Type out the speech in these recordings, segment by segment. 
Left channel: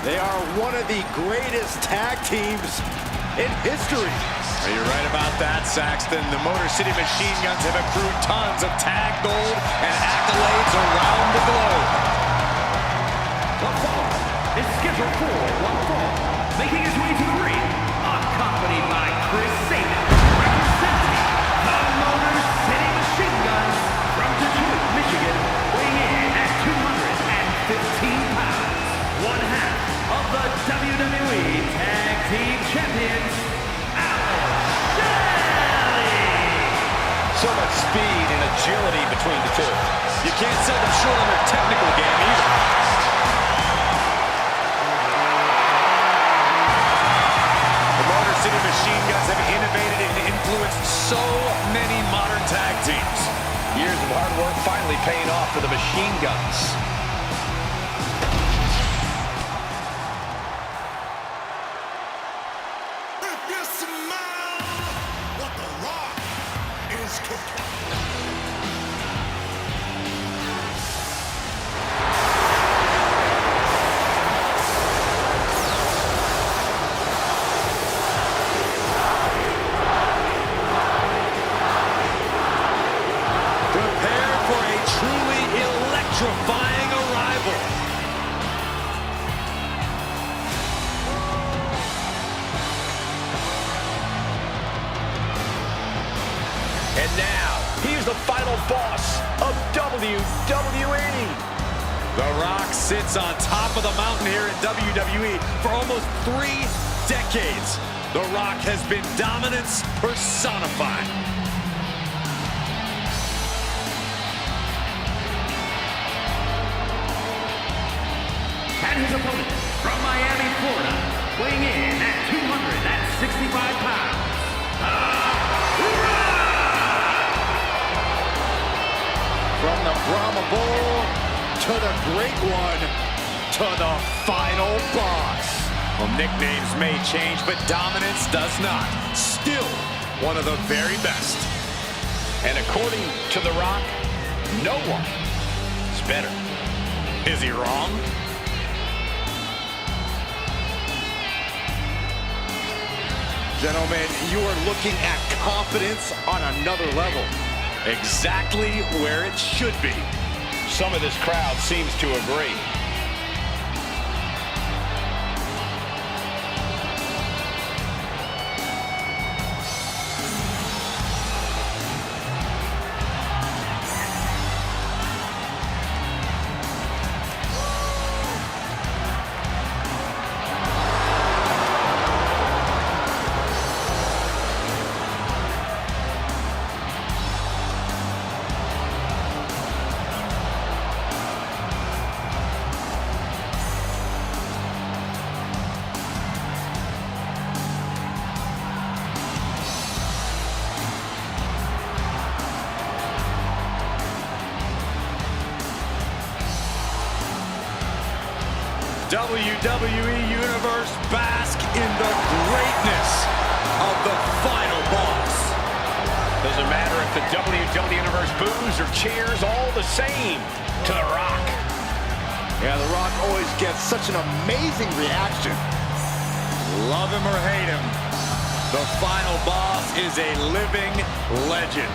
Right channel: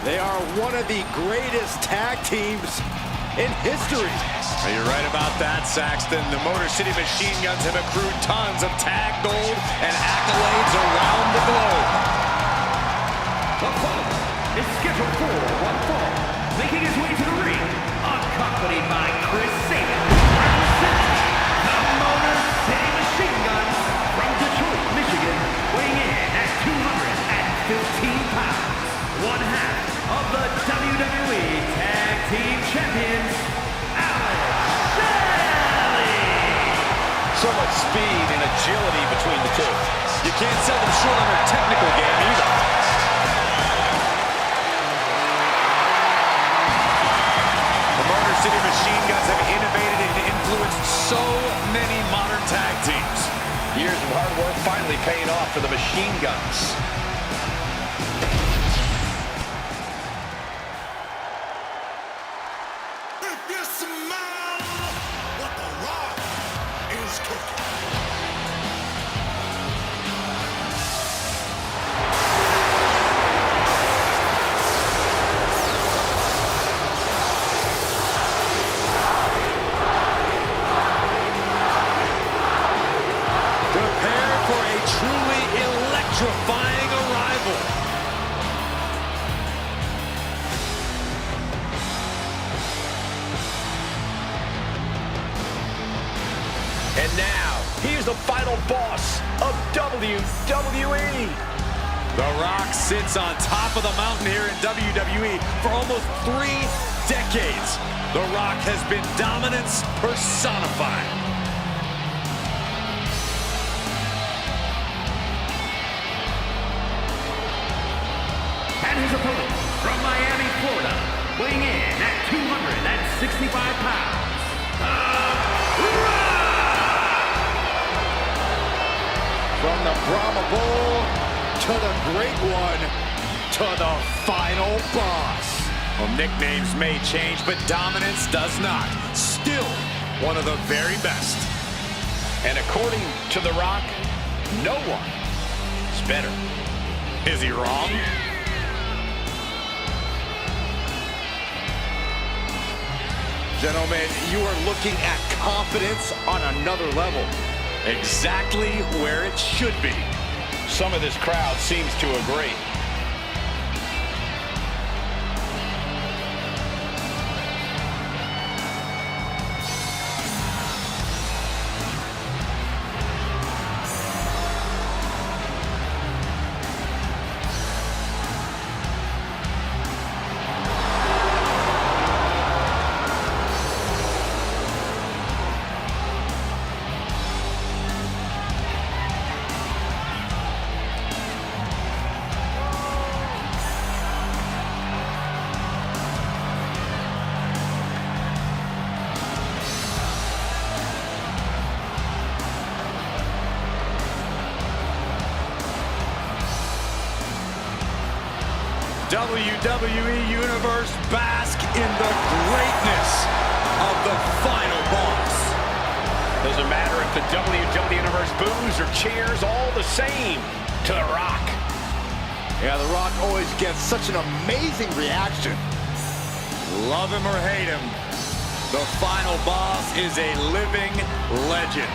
They are one of the greatest tag teams in history. You're right about that, Saxton. The Motor City Machine Guns have accrued tons of tag gold and accolades around the globe. The following is scheduled for one fall, making his way to the ring, accompanied by Chris Sabin, representing the Motor City Machine Guns from Detroit, Michigan, weighing in at 215 pounds, one half of the WWE Tag Team Champions, Shelley. So much speed and agility between the two. You can't sell them short on their technical game either. The Motor City Machine Guns have innovated and influenced so many modern tag teams. Years of hard work finally paying off for the Machine Guns. Electrifying arrival. And now, he's the final boss of WWE. The Rock sits on top of the mountain here in WWE for almost 3 decades. The Rock has been dominance personified. And his opponent from Miami, Florida, weighing in at 265 pounds, The Rock! From the Brahma Bull to the Great One to the final boss. Well, nicknames may change, but dominance does not. Still one of the very best. And according to The Rock, no one is better. Is he wrong? Gentlemen, you are looking at confidence on another level. Exactly where it should be. Some of this crowd seems to agree. WWE Universe, bask in the greatness of the final boss. Doesn't matter if the WWE Universe boos or cheers, all the same to The Rock. Yeah, The Rock always gets such an amazing reaction. Love him or hate him, the final boss is a living legend.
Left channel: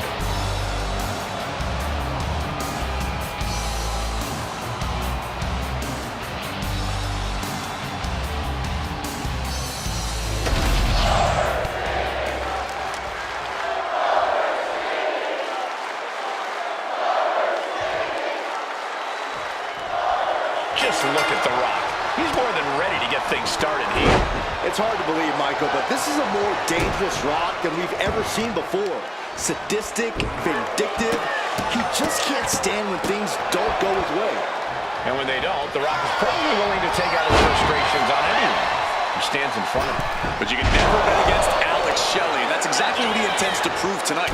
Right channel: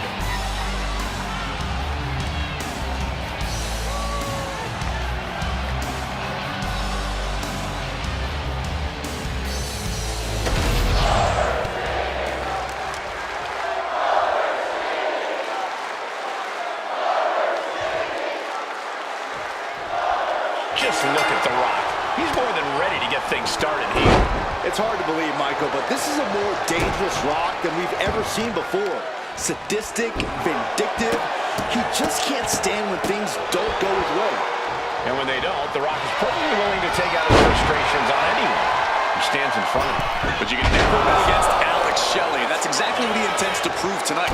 Just look at The Rock. He's more than ready to get things started here. It's hard to believe, Michael, but this is a more dangerous Rock than we've ever seen before. Sadistic, vindictive. He just can't stand when things don't go his way. And when they don't, The Rock is probably willing to take out his frustrations on anyone who stands in front of him. But you can never bet against Shelley, and that's exactly what he intends to prove tonight.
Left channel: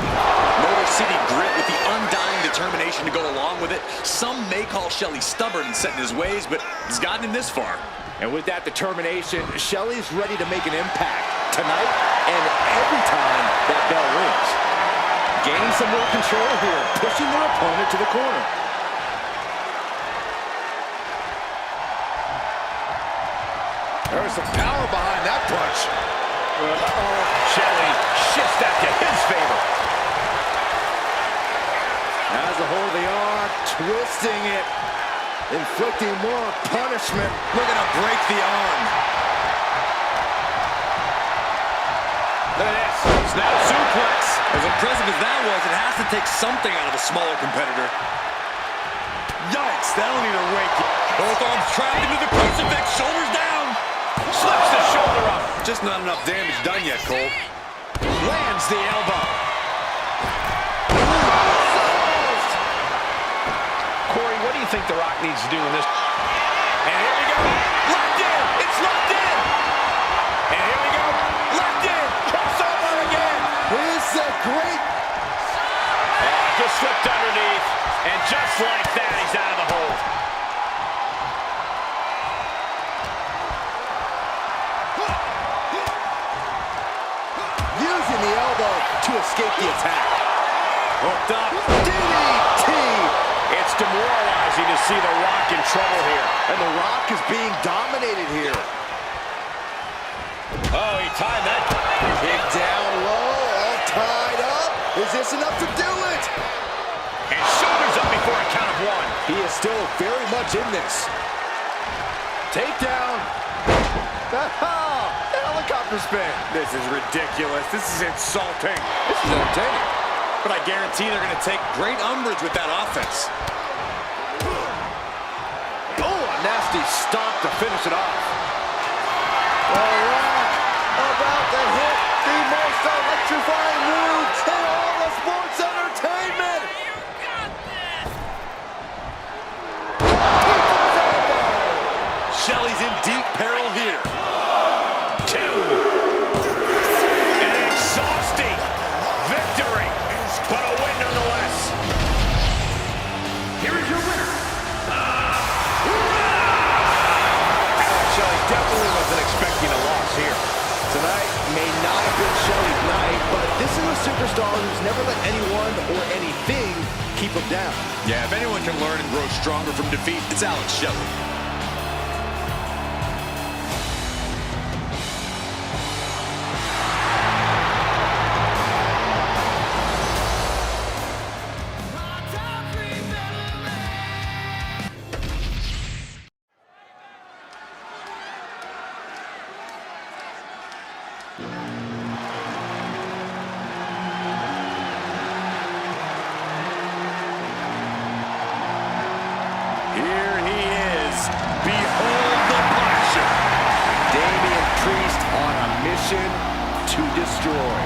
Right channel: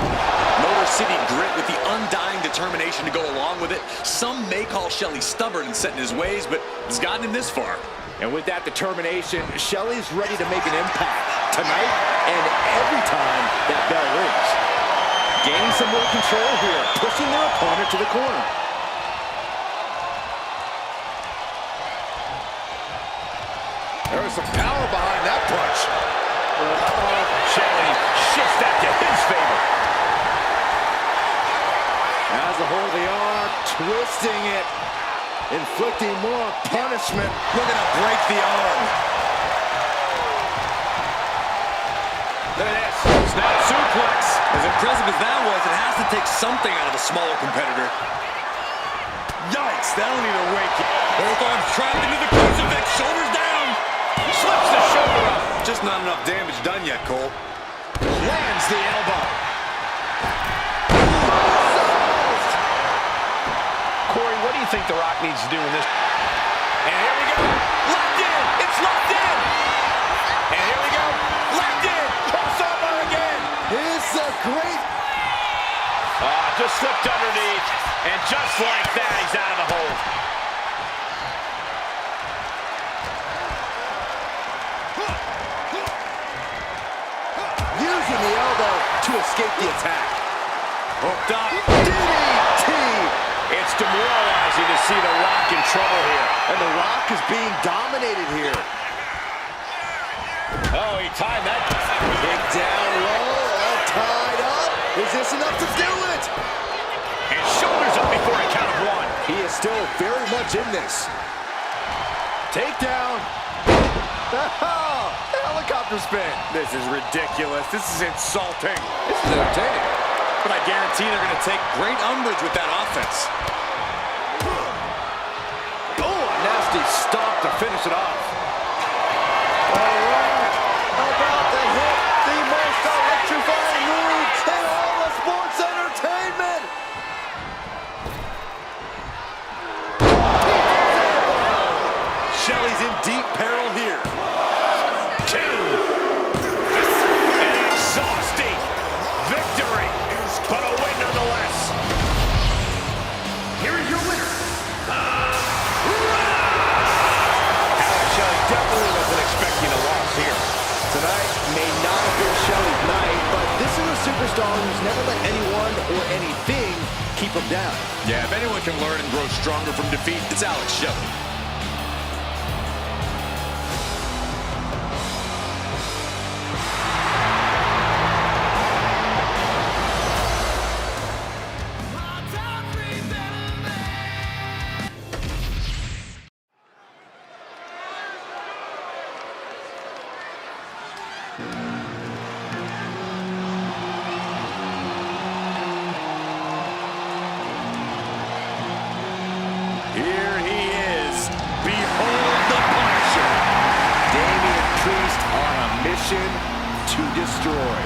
Motor City grit with the undying determination to go along with it. Some may call Shelley stubborn and set in his ways, but he's gotten him this far. And with that determination, Shelley's ready to make an impact tonight and every time that bell rings. Gaining some more control here, pushing their opponent to the corner. There was some power behind that punch. Shelley shifts that to his favor. Has a hold of the arm, twisting it, inflicting more punishment. Looking to break the arm. Look at this. Snap suplex. As impressive as that was, it has to take something out of a smaller competitor. Yikes, that'll need to wake you. Both arms trapped into the crucifix, shoulders down. Slips the shoulder up. Just not enough damage done yet, Cole. Lands the elbow. Corey, what do you think The Rock needs to do in this? And here we go. Locked in. It's locked in. And here we go. Locked in. Crossover again. It's a great... Just slipped underneath. And just like that, he's out of the hold. Using the elbow to escape the attack. Hooked up. DDT! It's demoralizing to see The Rock in trouble here. And The Rock is being dominated here. Oh, he timed that. Kick down low, all tied up. Is this enough to do it? And shoulders up before a count of one. He is still very much in this. Takedown. The helicopter spin. This is ridiculous. This is insulting. This is entertaining. But I guarantee they're going to take great umbrage with that offense. Oh, a nasty stomp to finish it off. The Rock about to hit the most electrifying move in all of sports entertainment. Shelley's in deep peril here. An exhausting victory, but a win nonetheless. Here is your winner, Shelley definitely wasn't expecting a loss here. Tonight may not have been Shelley's night, but this is a superstar who's never let anyone or anything keep him down. Yeah, if anyone can learn and grow stronger from defeat, it's Alex Shelley. Here he is. Behold the Punisher. Damian Priest on a mission to destroy.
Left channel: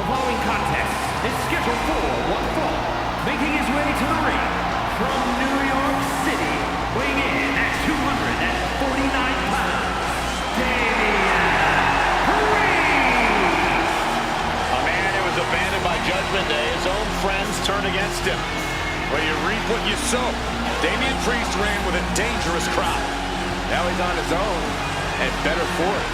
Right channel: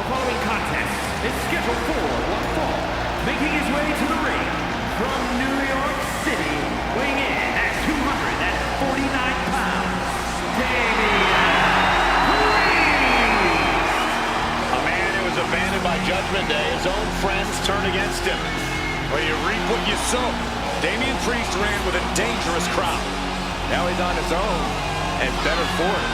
The following contest is scheduled for one fall. Making his way to the ring from New York City, weighing in at 249 pounds, Damian Priest. A man who was abandoned by Judgment Day. His own friends turned against him. Well, you reap what you sow. Damian Priest ran with a dangerous crowd. Now he's on his own, and better for it.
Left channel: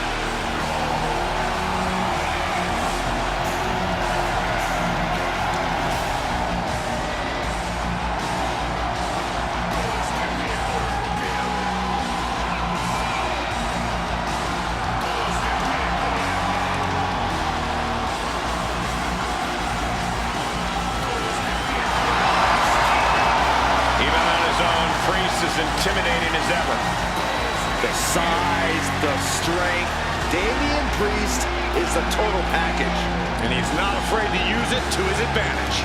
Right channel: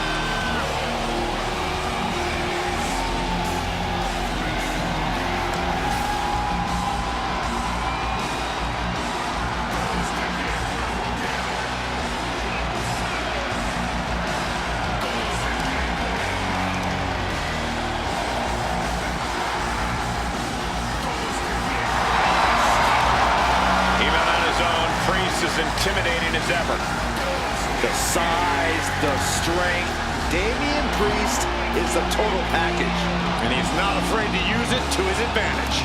As intimidating as ever. The size, the strength. Damian Priest is the total package. And he's not afraid to use it to his advantage.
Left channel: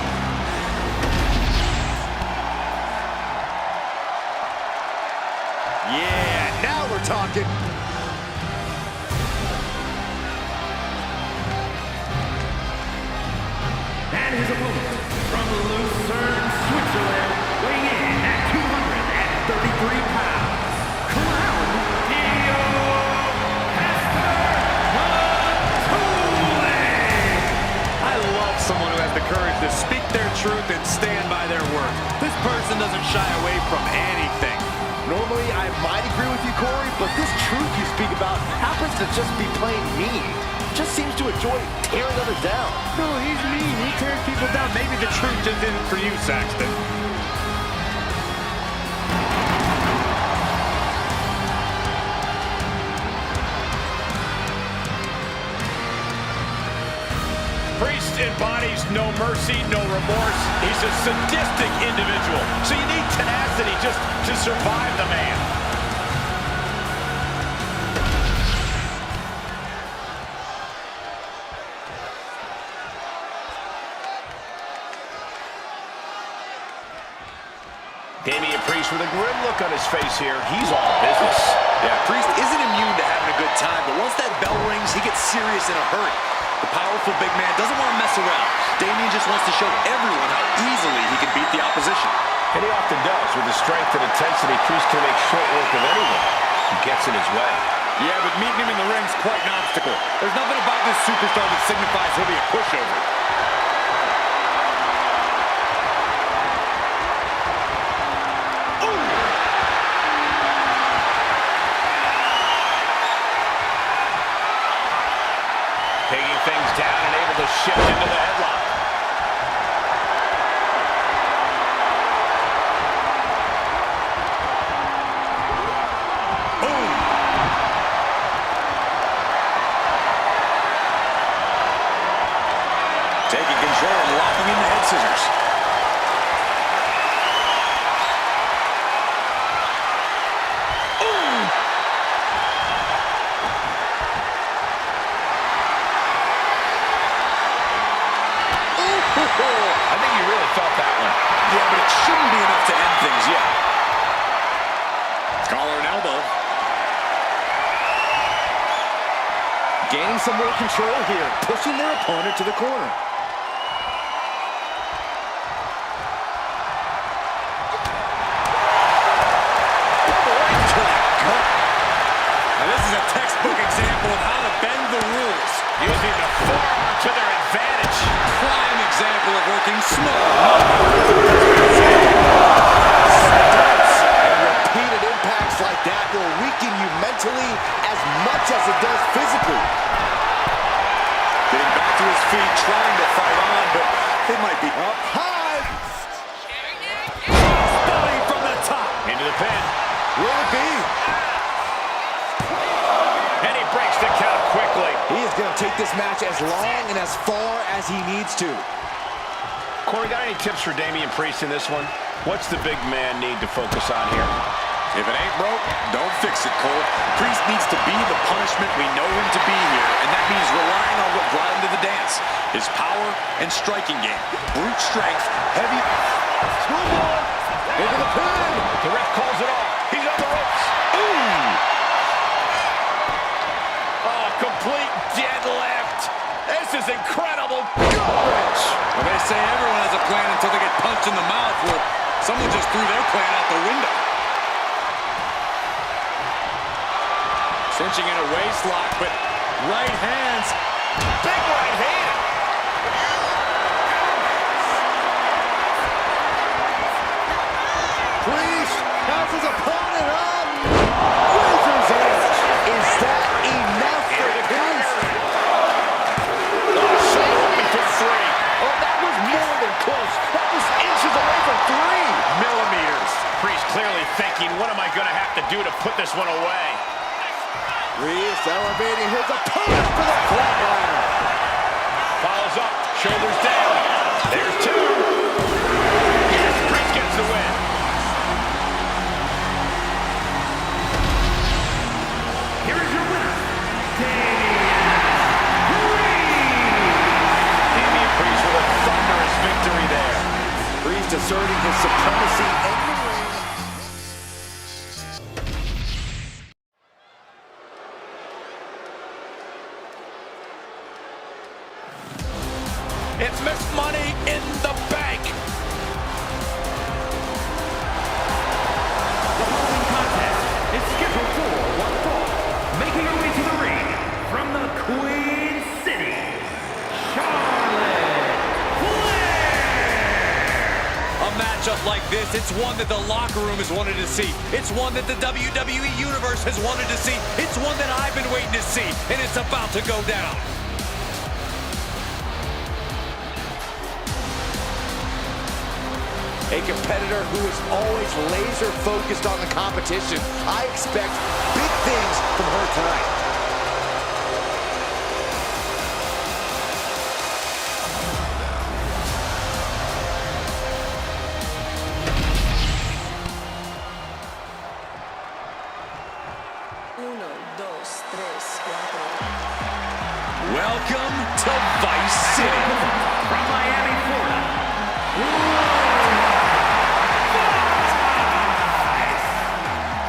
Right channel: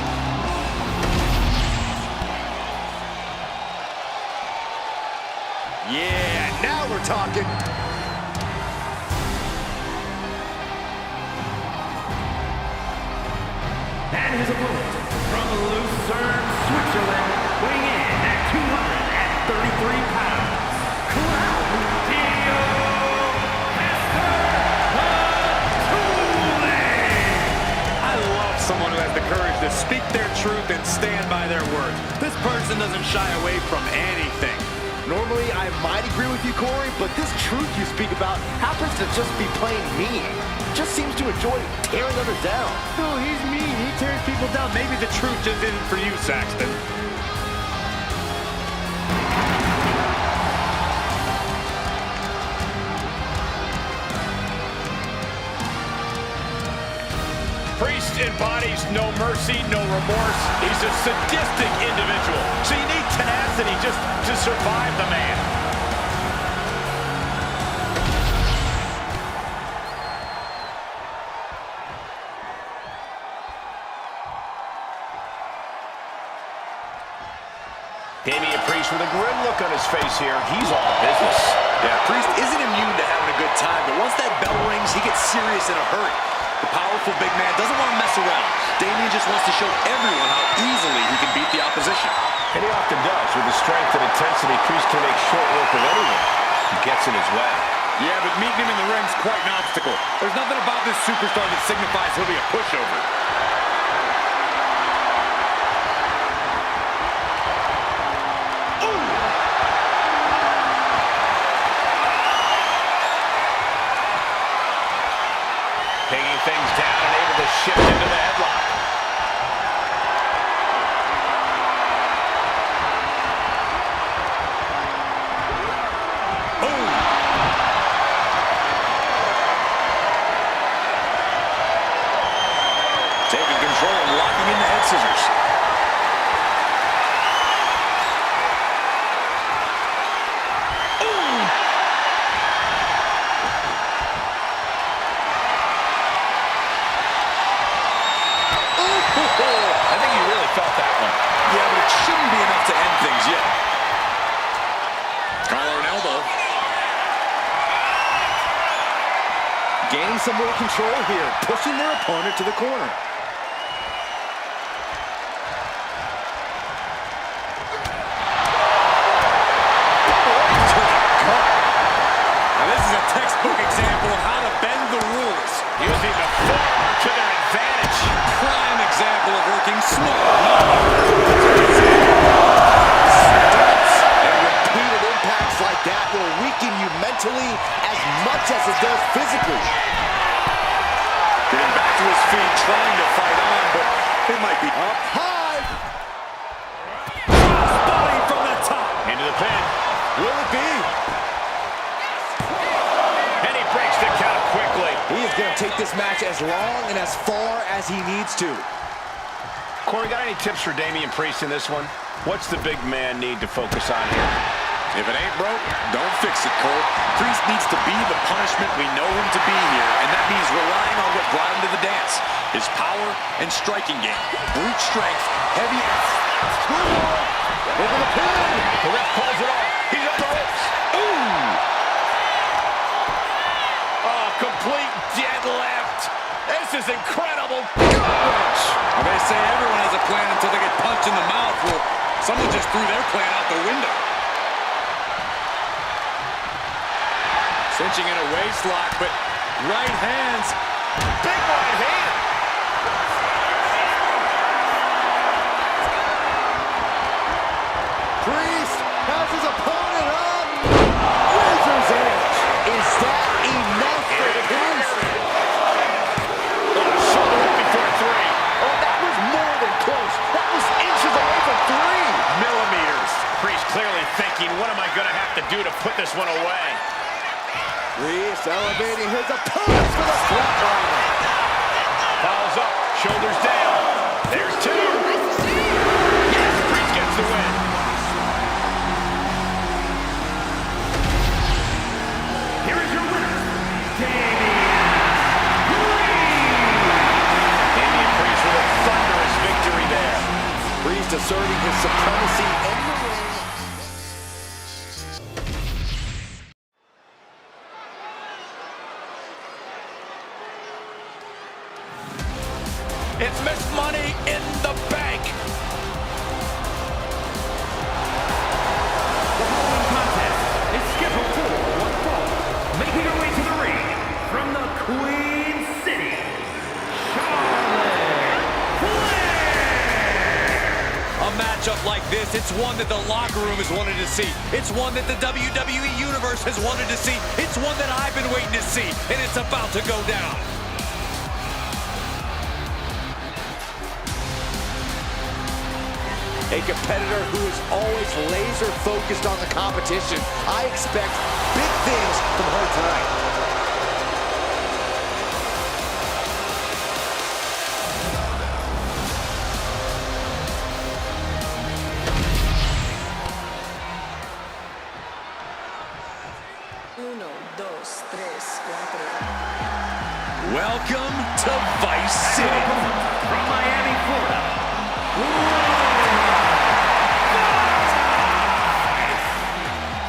Yeah, now we're talking. And his opponent from Lucerne, Switzerland, weighing in at 233 pounds, Claudio Castagnoli. I love someone who has the courage to speak their truth and stand by their words. This person doesn't shy away from anything. Normally, I might agree with you, Corey, but this truth you speak about happens to just be plain mean. Just seems to enjoy tearing others down. No, he's mean. He tears people down. Maybe the truth just isn't for you, Saxton. Priest embodies no mercy, no remorse. He's a sadistic individual. So you need tenacity just to survive the man. Damian Priest with a grim look on his face here. He's all business. Yeah, Priest isn't immune to having a good time, but once that bell rings, he gets serious in a hurry. The powerful big man doesn't want to mess around. Damian just wants to show everyone how easily he can beat the opposition. And he often does. With the strength and intensity, Priest can make short work of anyone who gets in his way. Yeah, but meeting him in the ring's quite an obstacle. There's nothing about this superstar that signifies he'll be a pushover. Taking things down and able to shift into the headlock. Boom! Taking control and locking in the head scissors. I think you really felt that one. Yeah, but it shouldn't be enough to end things yet. Collar and elbow. Gaining some more control here, pushing their opponent to the corner. Right to the gut. Now this is a textbook example of how to bend the rules. Using the forearm to their advantage. Prime example of working smart, not hard. Stunts and repeated impacts like that will weaken you mentally as much as it does physically. Getting back to his feet, trying to fight on, but it might be Up high. body from the top. Into the pin. Will it be? And he breaks the count quickly. He is going to take this match as long and as far as he needs to. Corey, got any tips for Damian Priest in this one? What's the big man need to focus on here? If it ain't broke, don't fix it, Cole. Priest needs to be the punishment we know him to be here, and that means relying on what brought him to the dance. His power and striking game. Brute strength, heavy... Screwball into the pin. The ref calls it off. He's on the ropes. Ooh! Oh, complete deadlift. This is incredible. Gut-wrench. Well, they say everyone has a plan until they get punched in the mouth. Well, someone just threw their plan out the window. Cinching in a waist lock, but right hands. Big right hand. Priest has his opponent on razor's edge. Is that enough for Priest? Shoulder up before three. Oh, that was more than close. That was inches away from 3 millimeters. Priest clearly thinking, what am I going to have to do to put this one away? Priest elevating his opponent for the flatliner. Follows up, shoulders down. There's 2. Yes, Priest gets the win. Here is your winner, Damian Priest. Damian Priest with a thunderous victory there. Priest asserting his supremacy in the ring. It's Ms.Money in the bank. The following contest is scheduled for one fall. Making her way to the ring from the Queen City, Charlotte Flair. A matchup like this, it's one that the locker room has wanted to see. It's one that the WWE Universe has wanted to see. It's one that I've been waiting to see, and it's about to go down. A competitor who is always laser focused on the competition. I expect big things from her tonight. 1, 2, 3, 4. Welcome to Vice City. From Miami, Florida.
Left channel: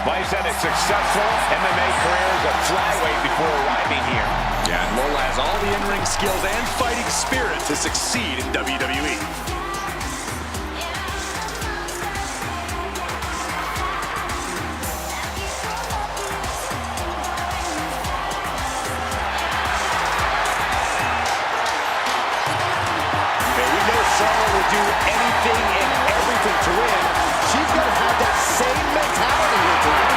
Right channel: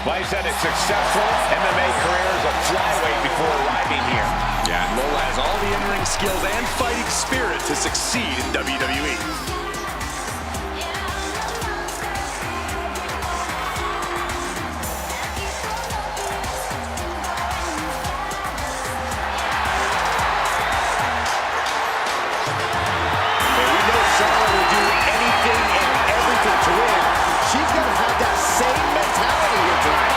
Vice had a successful MMA career as a flyweight before arriving here. Yeah, and Lola has all the in-ring skills and fighting spirit to succeed in WWE. Charlotte will do anything and everything to win. She's going to have that same mentality here tonight.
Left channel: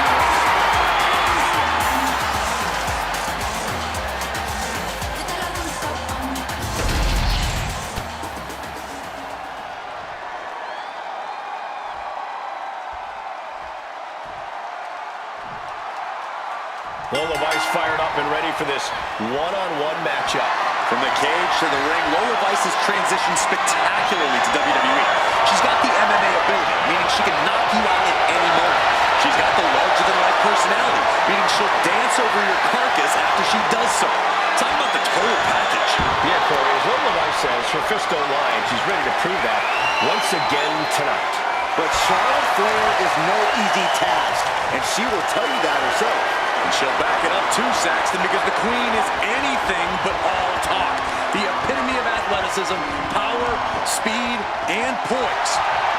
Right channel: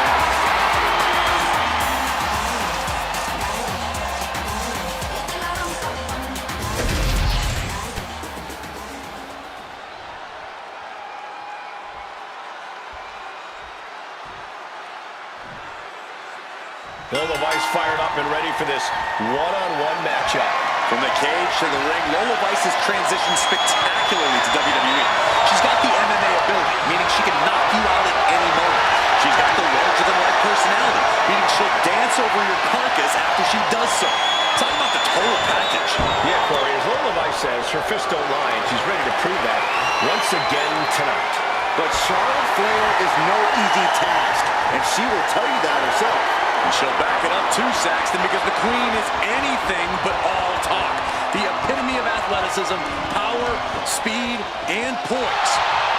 Lola Vice fired up and ready for this one-on-one matchup. From the cage to the ring, Lola Vice has transitioned spectacularly to WWE. She's got the MMA ability, meaning she can knock you out at any moment. She's got the larger-than-life personality, meaning she'll dance over your carcass after she does so. Talk about the total package. Yeah, Corey, as Lola Vice says, her fists don't lie, and she's ready to prove that once again tonight. But Charlotte Flair is no easy task, and she will tell you that herself. And she'll back it up too, Saxton, because the Queen is anything but all talk. The epitome of athleticism, power, speed, and poise,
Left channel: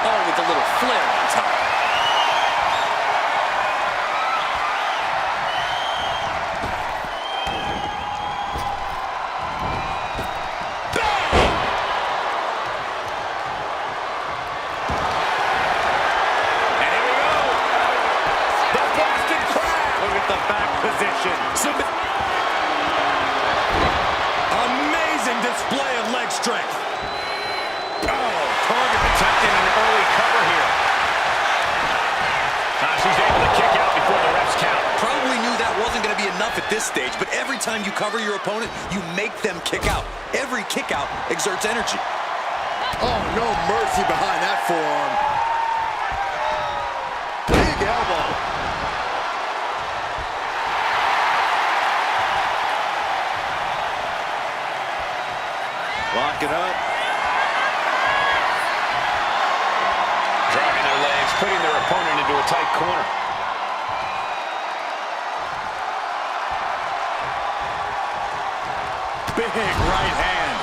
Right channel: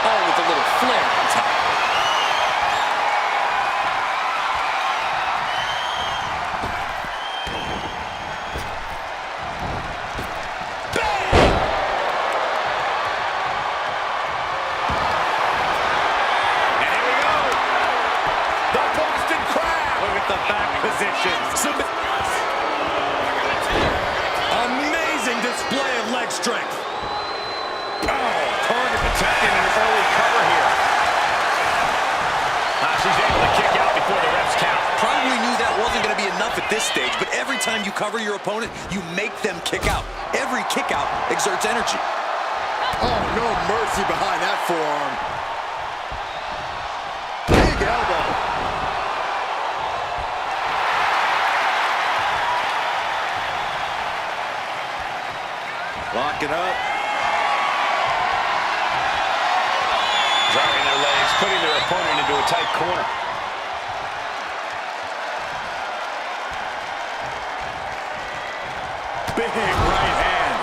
all with a little flair on top. Amazing display of leg strength. Oh, target attacking an early cover here. She's able to kick out before the refs count. Probably knew that wasn't going to be enough at this stage, but every time you cover your opponent, you make them kick out. Every kick out exerts energy. Oh, no mercy behind that forearm. Big elbow. Lock it up. Driving their legs, putting their opponent into a tight corner. Big right hand.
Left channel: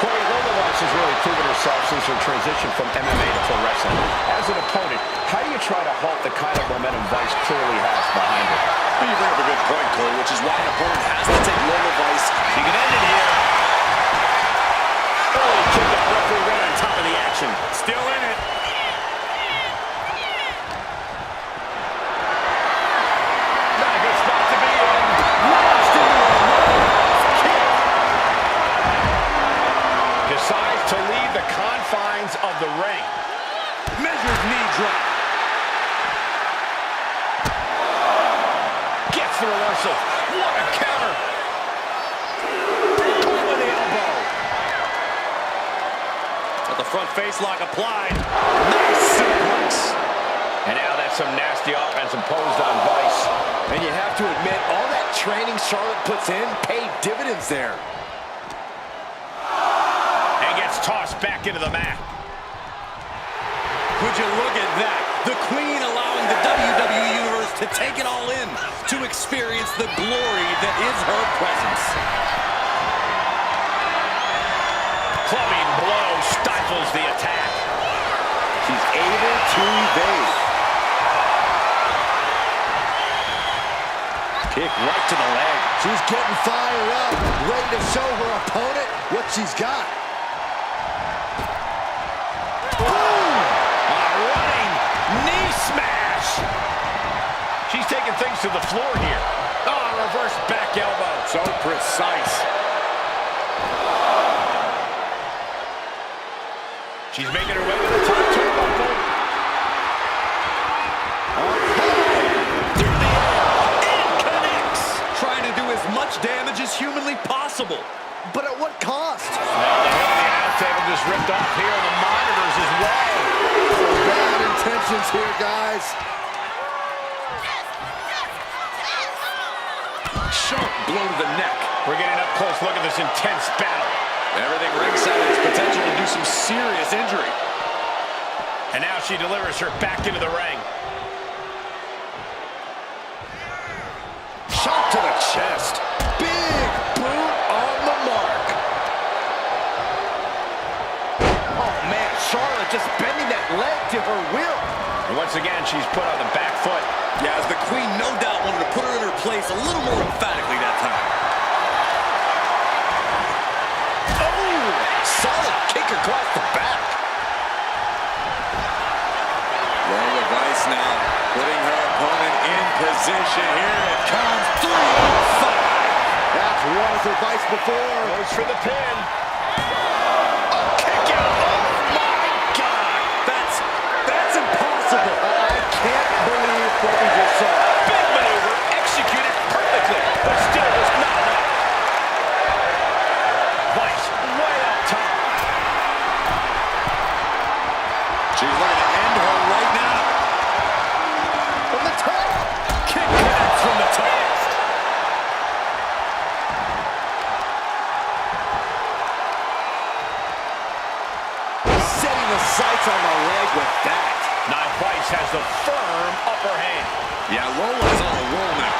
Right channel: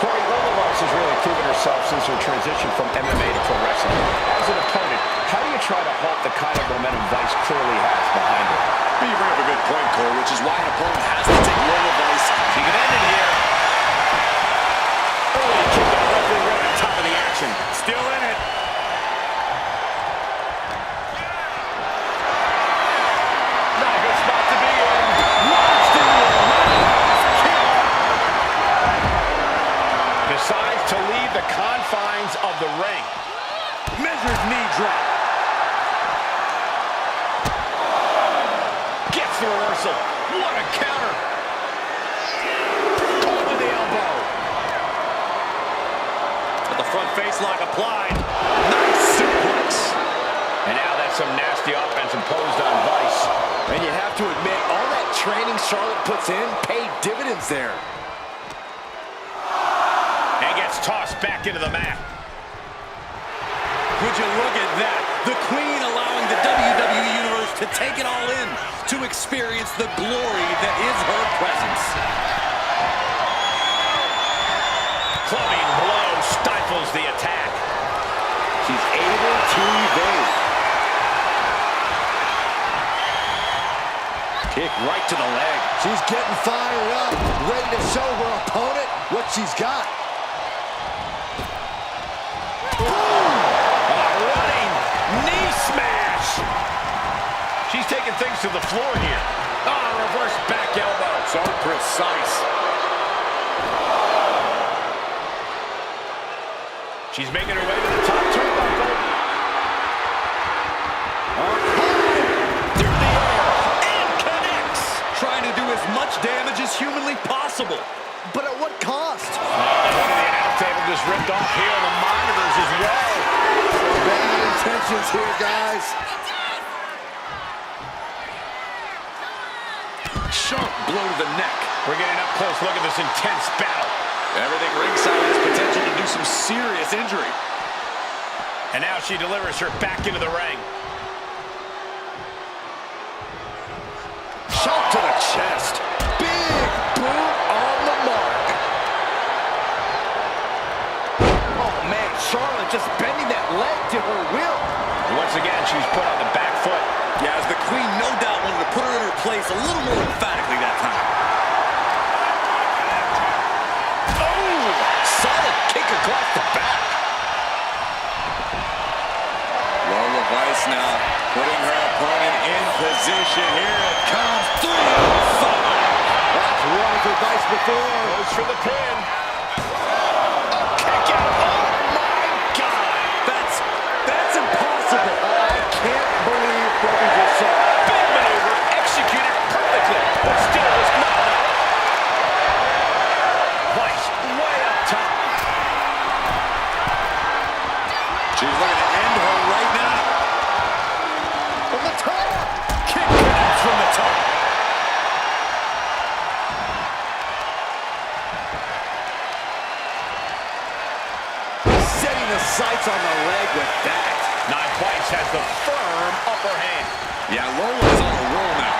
Corey, Lola Vice has really proven herself since her transition from MMA to pro wrestling. As an opponent, how do you try to halt the kind of momentum Vice clearly has behind her? You bring up a good point, Cole, which is why an opponent has to take Lola Vice. She can end it here. Early kick out, referee right on top of the action. Still in it. Not a good spot to be in. Launched into a roundhouse kick. Decides to leave the confines of the ring. Measured knee drop. Gets the reversal. What a counter. Caught with the elbow. With the front face lock applied. Nice suplex. And now that's some nasty offense imposed on Vice. And you have to admit, all that training Charlotte puts in paid dividends there. And gets tossed back into the mat. Would you look at that? The Queen allowing the WWE Universe to take it all in, to experience the glory that is her presence. Clubbing blow stifles the attack. She's able to evade. Kick right to the leg. She's getting fired up, ready to show her opponent what she's got. Boom! A running knee smash. She's taking things to the floor here. Reverse back elbow. So precise. She's making her way to the top turnbuckle. Through the air. And connects. Trying to do as much damage as humanly possible. But at what cost? Well, the hood of the announce table just ripped off here on the monitors as well. Bad intentions here, guys. Sharp blow to the neck. We're getting up close. Look at this intense battle. Everything ringside has potential to do some serious injury. And now she delivers her back into the ring. Shot to the chest. Big boot on the mark. Oh, man, Charlotte just bending that leg to her will. And once again, she's put on the back foot. Yeah, as the Queen no doubt wanted to put her in her place a little more emphatically that time. Oh, solid kick across the back. Lola Vice now putting her opponent in position. Here it comes. 3 out of 5. That's one for Vice before. Goes for the pin. A kick out. Oh, my God. That's impossible. I can't believe what we just saw. Big maneuver executed perfectly, but still was not enough. Vice way up top. She's looking to end her right now. From the top. Kick connects from the top. Setting the sights on the leg with that. Now Vice has the firm upper hand. Yeah, Lola is on a roll now.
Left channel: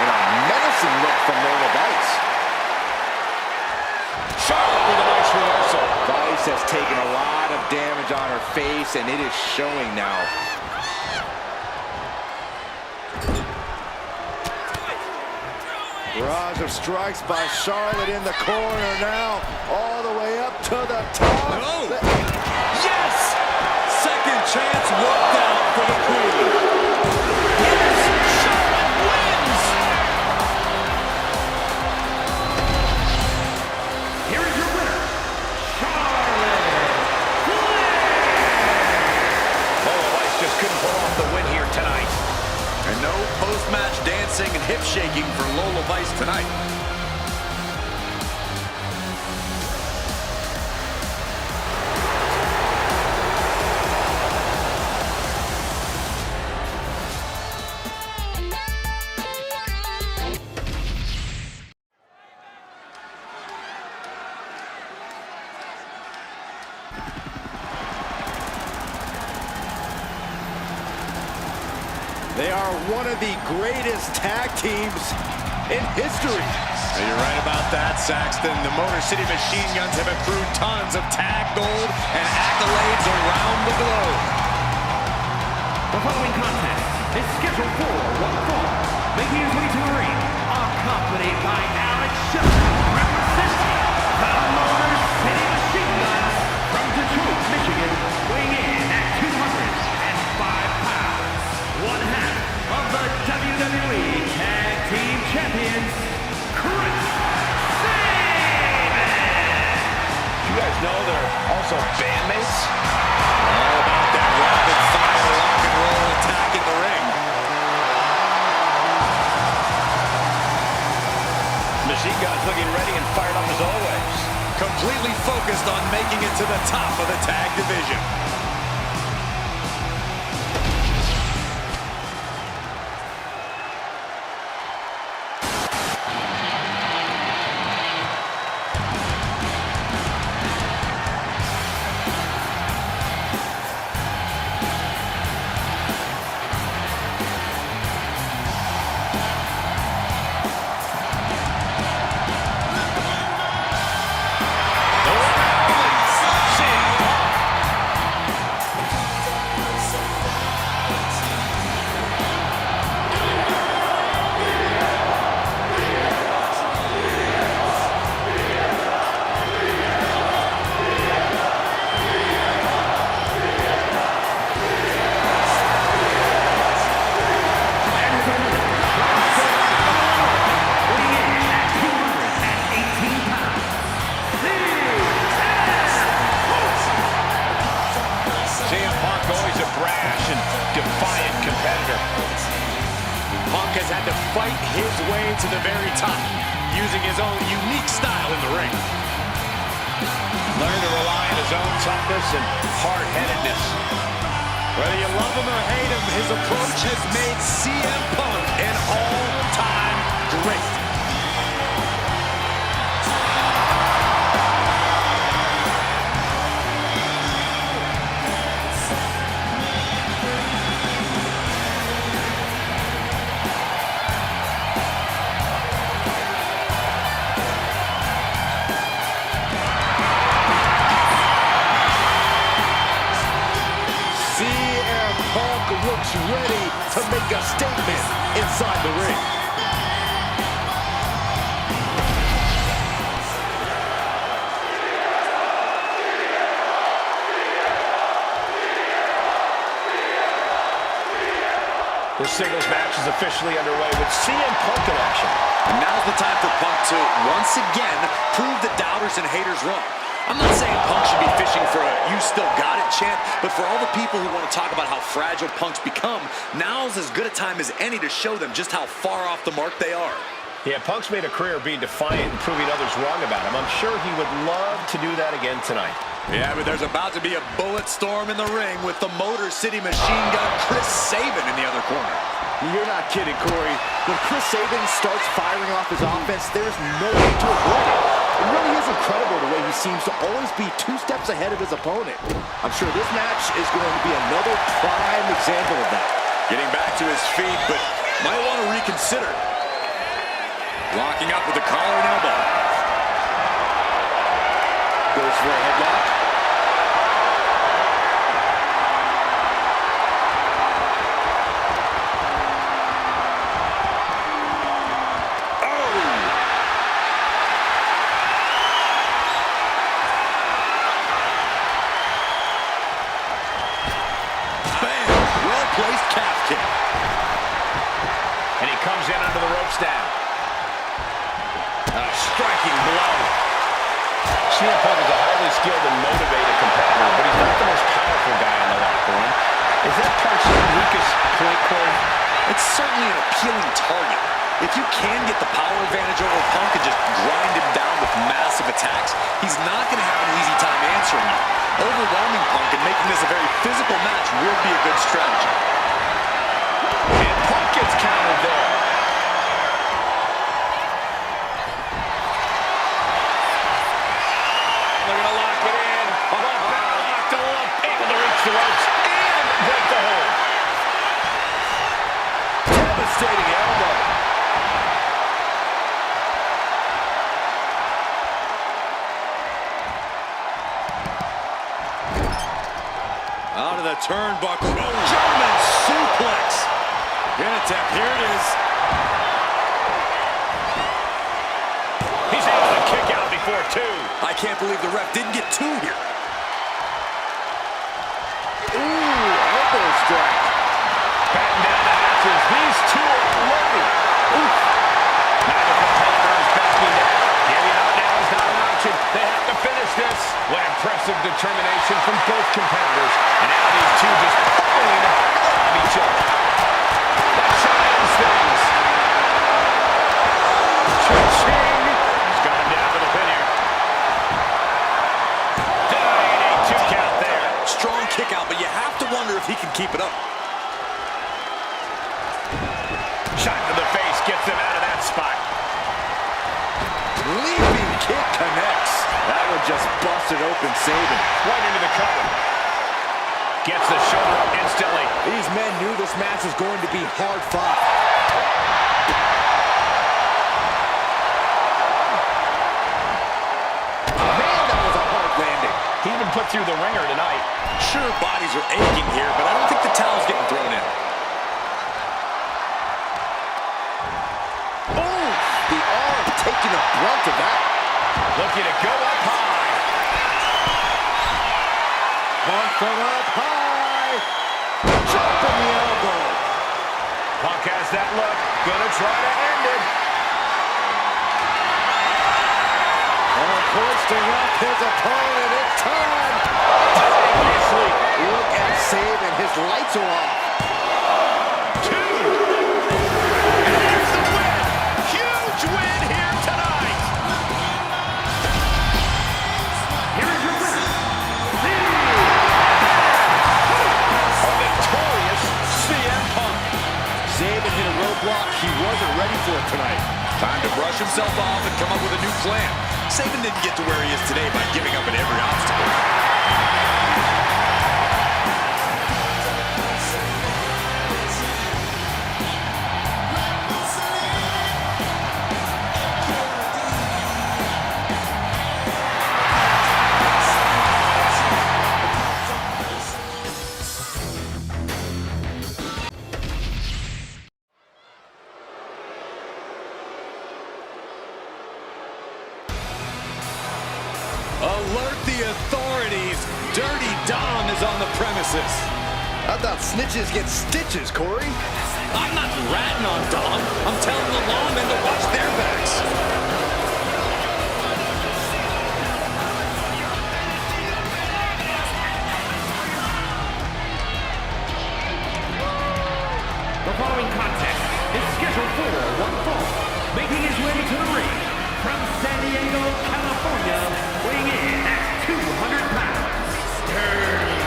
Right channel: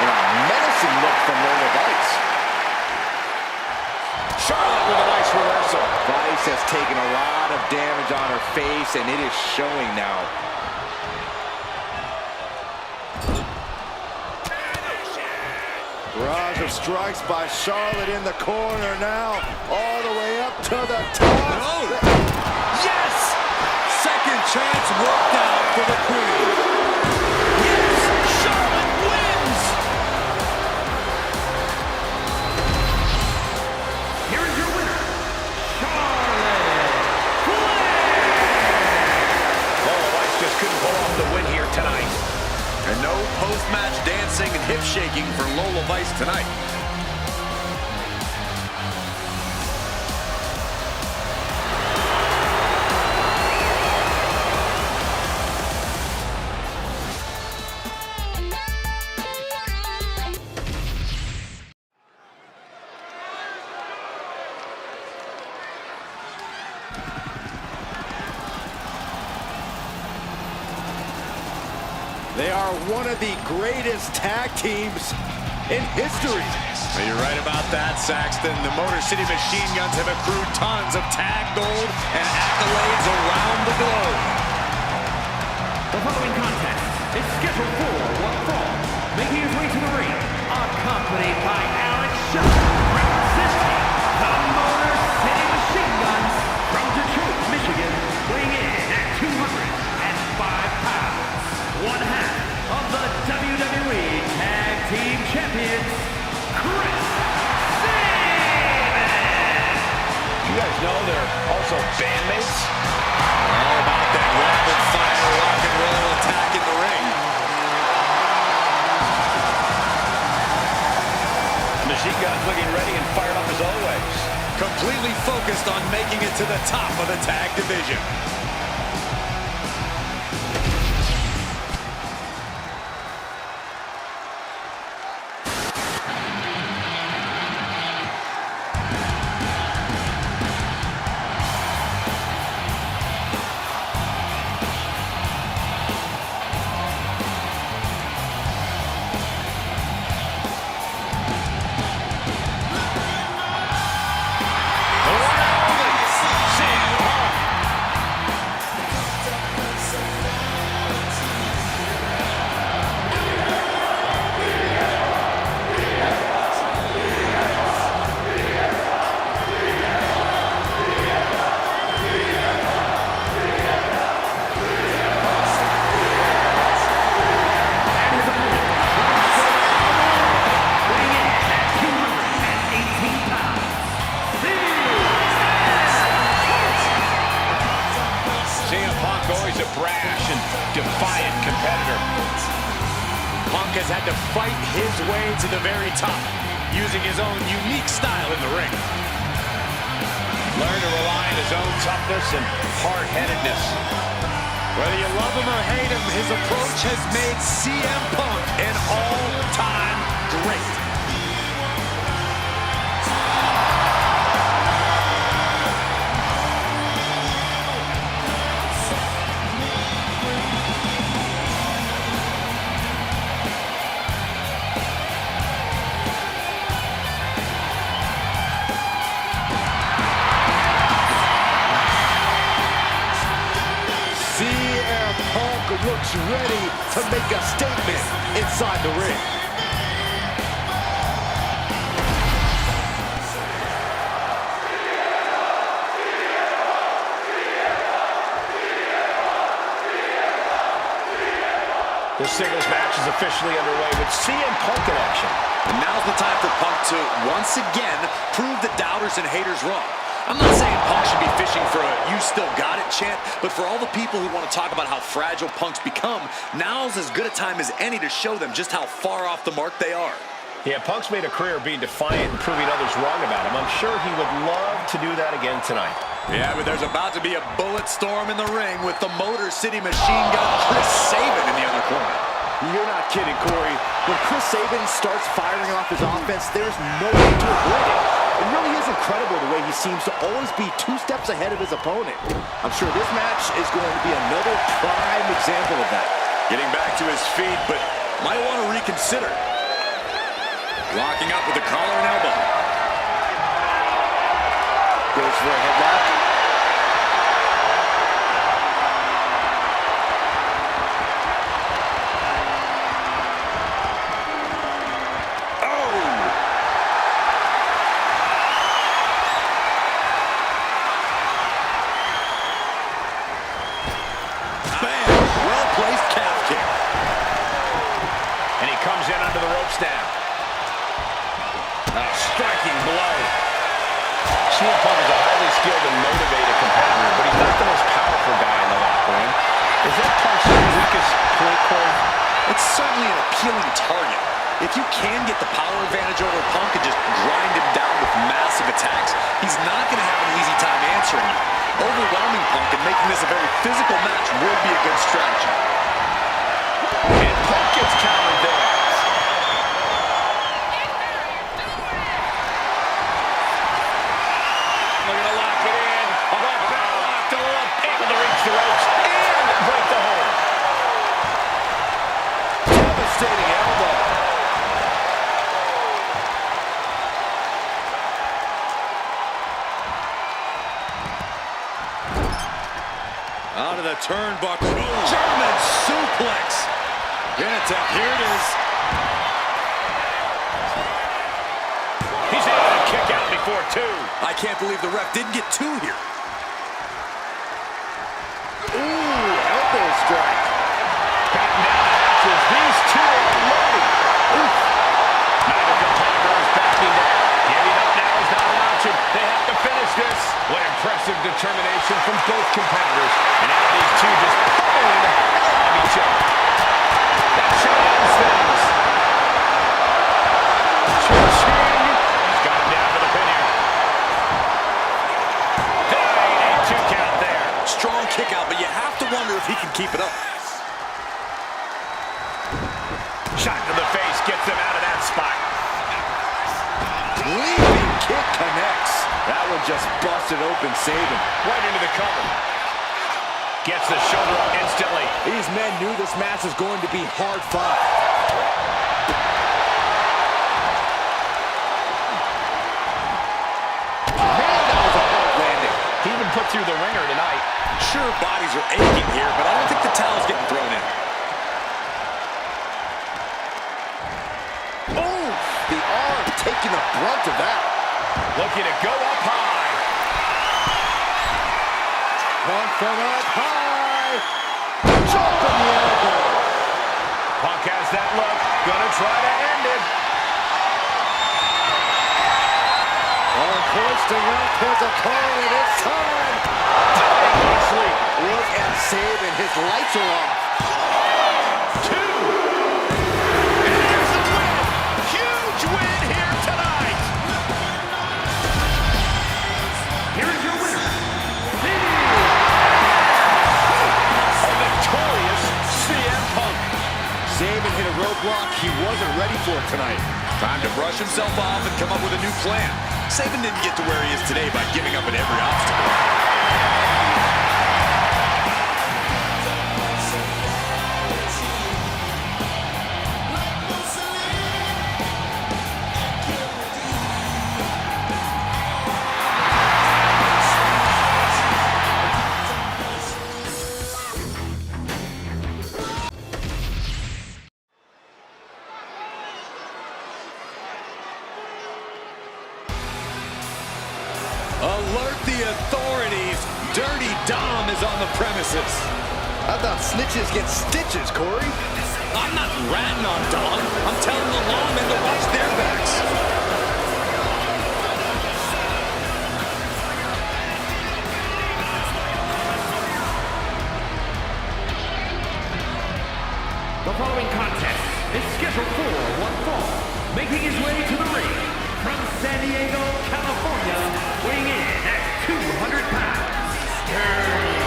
And a menacing look from Lola Vice. Charlotte with a nice reversal. Vice has taken a lot of damage on her face, and it is showing now. Barrage of strikes by Charlotte in the corner now, all the way up to the top. Oh! Yes! Second chance worked out for the Queen. Yes! Charlotte wins! Here is your winner, Charlotte Flair. Lola Vice just couldn't pull off the win here tonight. And no post-match dancing and hip shaking for Lola Vice tonight. They are one of the greatest tag teams in history. You're right about that, Saxton. The Motor City Machine Guns have accrued tons of tag gold and accolades around the globe. The following contest is scheduled for one fall. Making his way to the ring, accompanied by Shelley, representing the Motor City Machine Guns from Detroit, Michigan, weighing in at 205 pounds. One half of the WWE Tag Team Champions, Chris Sabin. You guys know they're also bandmates? All about that rapid-fire rock and roll attack in the ring. Machine Guns looking ready and fired up as always. Completely focused on making it to the top of the tag division. brash and defiant competitor. Punk has had to fight his way to the very top, using his own unique style in the ring. Learned to rely on his own toughness and hard-headedness. Whether you love him or hate him, his approach has made CM Punk an all-time great. Looks ready to make a statement inside the ring. This singles match is officially underway with CM Punk in action. And now's the time for Punk to once again prove the doubters and haters wrong. I'm not saying Punk should be fishing for a "you still got it" chant, but for all the people who want to talk about how fragile Punk's become, now's as good a time as any to show them just how far off the mark they are. Yeah, Punk's made a career of being defiant and proving others wrong about him. I'm sure he would love to do that again tonight. Yeah, but there's about to be a bullet storm in the ring with the Motor City Machine Gun Chris Sabin in the other corner. You're not kidding, Corey. When Chris Sabin starts firing off his offense, there's no way to avoid it. It really is incredible the way he seems to always be 2 steps ahead of his opponent. I'm sure this match is going to be another prime example of that. Getting back to his feet, but might want to reconsider. Locking up with the collar and elbow. Goes for a headlock. Well-placed calf kick. And he comes in under the ropes now. A striking blow. CM Punk is a highly skilled and motivated competitor, but he's not the most powerful guy in the locker room. Is that Punk's weakest point, Corey? It's certainly an appealing target. If you can get the power advantage over Punk and just grind him down with massive attacks, he's not going to have an easy time answering you. Overwhelming Punk and making this a very physical match would be a good strategy. And Punk gets countered there. They're going to lock it in. Locked able to reach the ropes and break the hold. Devastating elbow. Out of the turnbuckle. Oh, German suplex. Good attempt. Here it is. He's able to kick out before 2. I can't believe the ref didn't get 2 here. Ooh, elbow strike. Batten down the hatches. These 2 are loading. Oof. Neither competitor is backing down. Giving up now is not an option. They have to finish this. What impressive determination from both competitors. And now these 2 just pulling the hell out of each other. That shot ends things. Cha-ching. He's got him down for the pin here. Denied a 2 count there. Strong kick out, but you have to wonder if he can keep it up. Shot to the face gets them out of that spot. Leaping kick connects. That one just busted open Sabin. Right into the cover. Gets the shoulder up instantly. These men knew this match was going to be hard fought. Man, that was a hard landing. He's been put through the ringer tonight. Sure, bodies are aching here, but I don't think the towel's getting thrown in. Oh, the arm taking the brunt of that. Looking to go up high. Punk from up high. Chop from the elbow. Punk has that look. Gonna try to end it. Punk hoisting up his opponent. It's time. Dangerously. Look at Sabin. His lights are off. 2. And there's the win. Huge win here tonight. Here is your winner, On the roadblock he wasn't ready for tonight. Time to brush himself off and come up with a new plan. Sabin didn't get to where he is today by giving up at every obstacle. Alert the authorities. Dirty Dom is on the premises. I thought snitches get stitches, Corey. I'm not ratting on Dom. I'm telling the lawmen to watch their backs. The following contest is scheduled for one fall. Making his way to the ring from San Diego, California, weighing in at 200 pounds, Dirty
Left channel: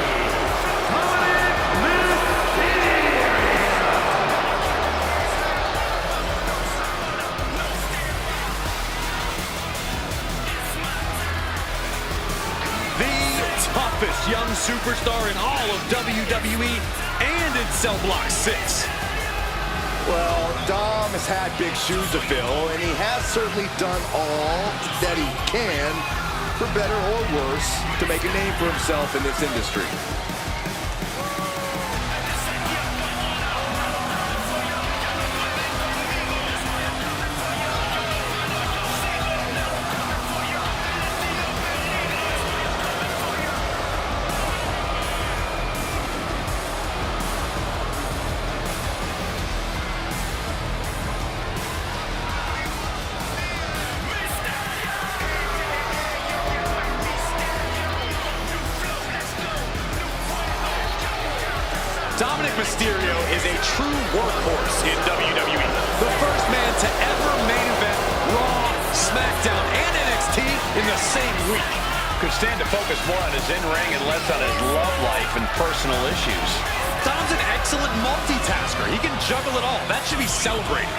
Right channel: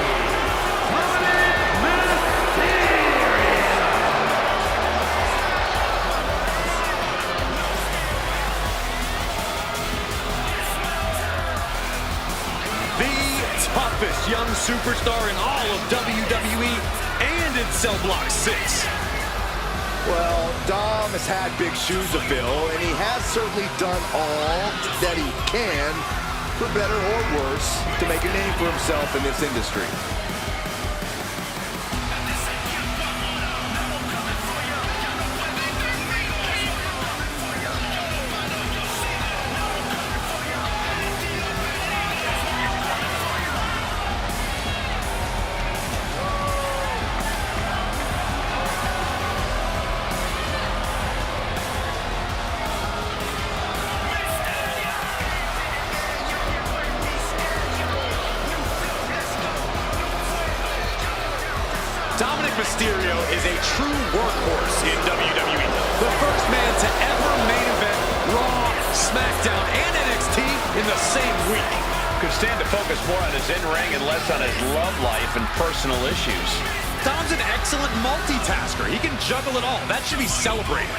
Dominik Mysterio. The toughest young superstar in all of WWE and in Cell Block 6. Well, Dom has had big shoes to fill, and he has certainly done all that he can, for better or worse, to make a name for himself in this industry. Dominik Mysterio is a true workhorse in WWE. The first man to ever main event Raw, SmackDown, and NXT in the same week. Could stand to focus more on his in-ring and less on his love life and personal issues. Dom's an excellent multitasker. He can juggle it all. That should be celebrated.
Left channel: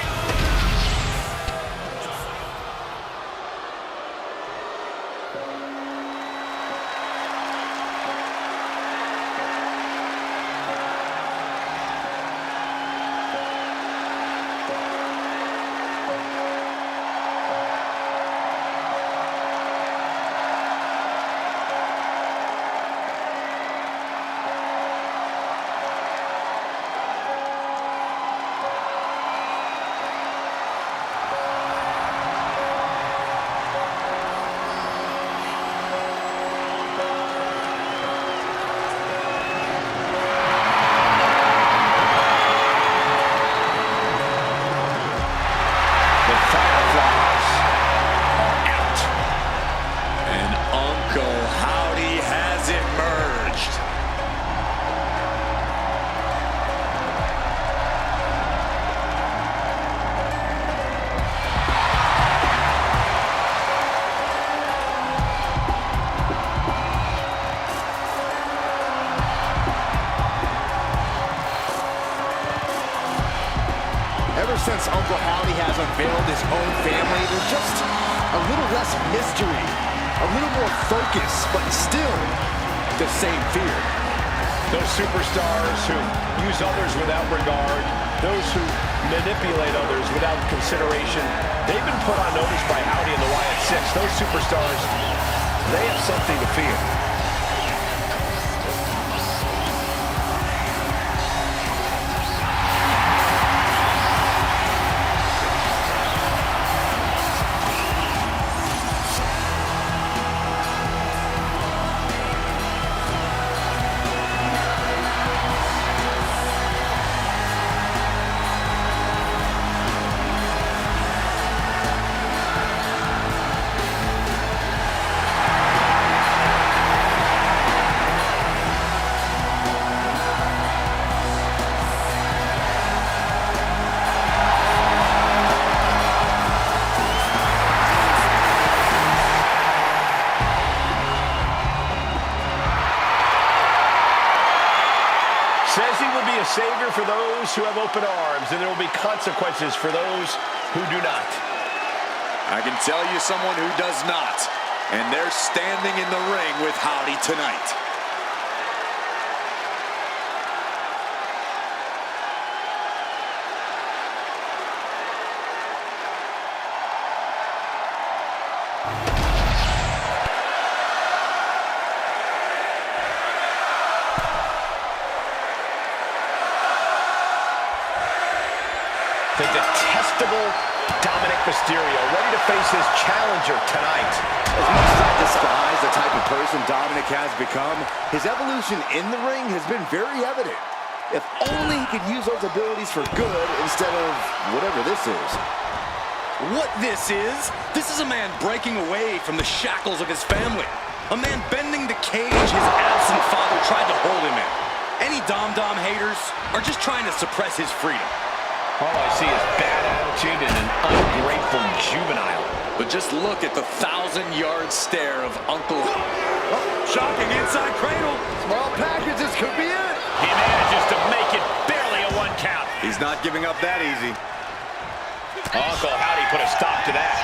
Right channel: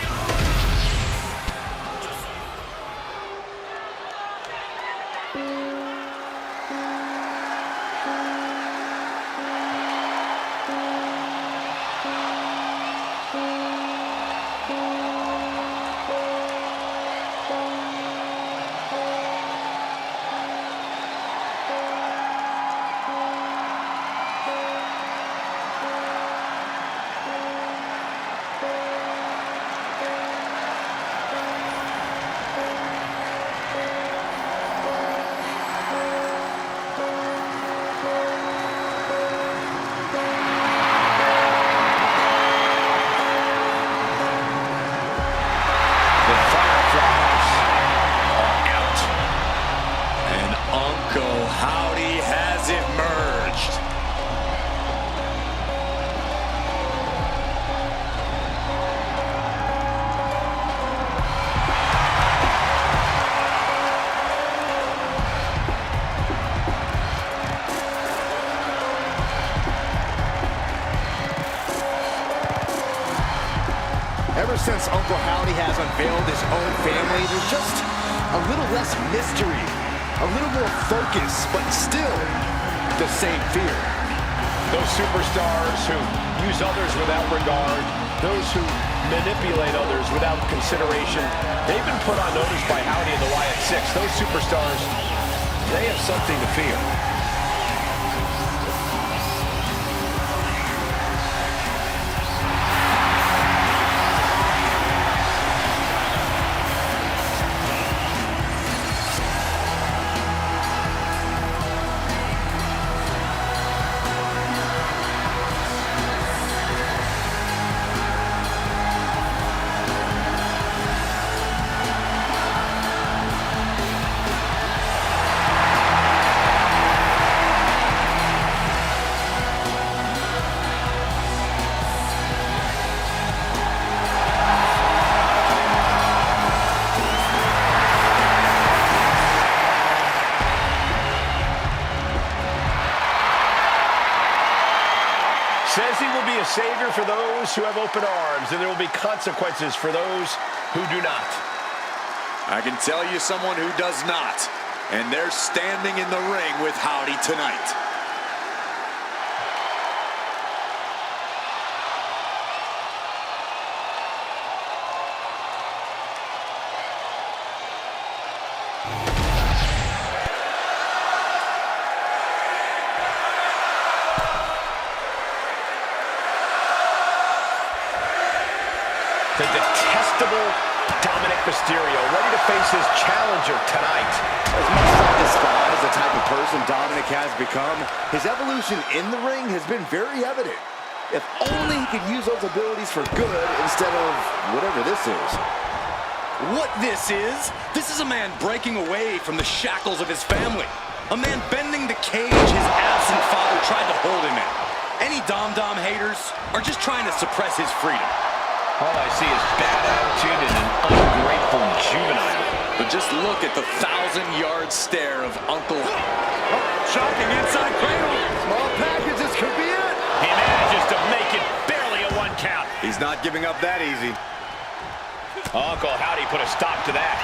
Uncle Howdy has it merged. Ever since Uncle Howdy has unveiled his own family, there's just a little less mystery, a little more focus, but still the same fear. Those superstars who use others without regard, those who manipulate others without consideration, they've been put on notice by Howdy and the Wyatt Six. Those superstars, they have something to fear. will be a savior for those who have open arms, and there will be consequences for those who do not. I can tell you someone who does not, and they're standing in the ring with Howdy tonight. The detestable Dominik Mysterio, ready to face his challenger tonight. As much as I despise the type of person Dominik has become, his evolution in the ring has been very evident. If only he could use those abilities for good instead of whatever this is. What this is a man breaking away from the shackles of his family. A man bending the cage his absent father tried to hold him in. Any Dom haters are just trying to suppress his freedom. All I see is bad attitude and an ungrateful juvenile. But just look at the 1,000-yard stare of Uncle. Oh, shocking inside cradle. Small packages could be it. He manages to make it barely a 1 count. He's not giving up that easy. Uncle Howdy put a stop to that.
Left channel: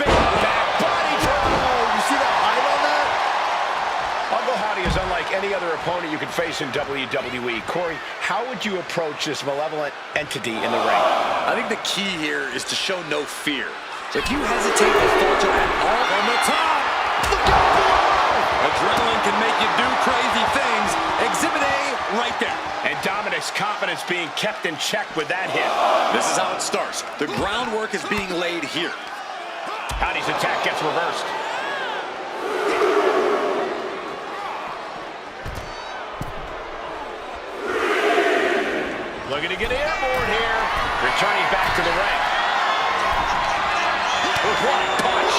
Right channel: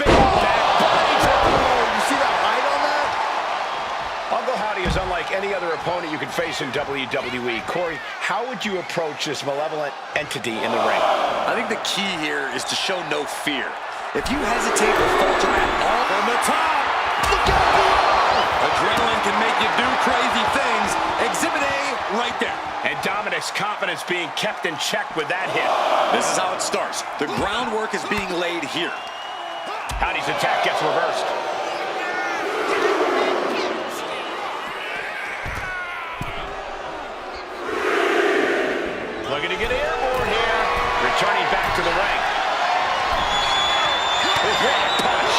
Big back body drop. Oh, you see that height on that? Uncle Howdy is unlike any other opponent you can face in WWE. Corey, how would you approach this malevolent entity in the ring? I think the key here is to show no fear. If you hesitate or falter at all from the top, look out below! Adrenaline can make you do crazy things. Exhibit A right there. And Dominik's confidence being kept in check with that hit. This is how it starts. The groundwork is being laid here. Howdy's attack gets reversed. Looking to get airborne here. Returning back to the ring. What a punch.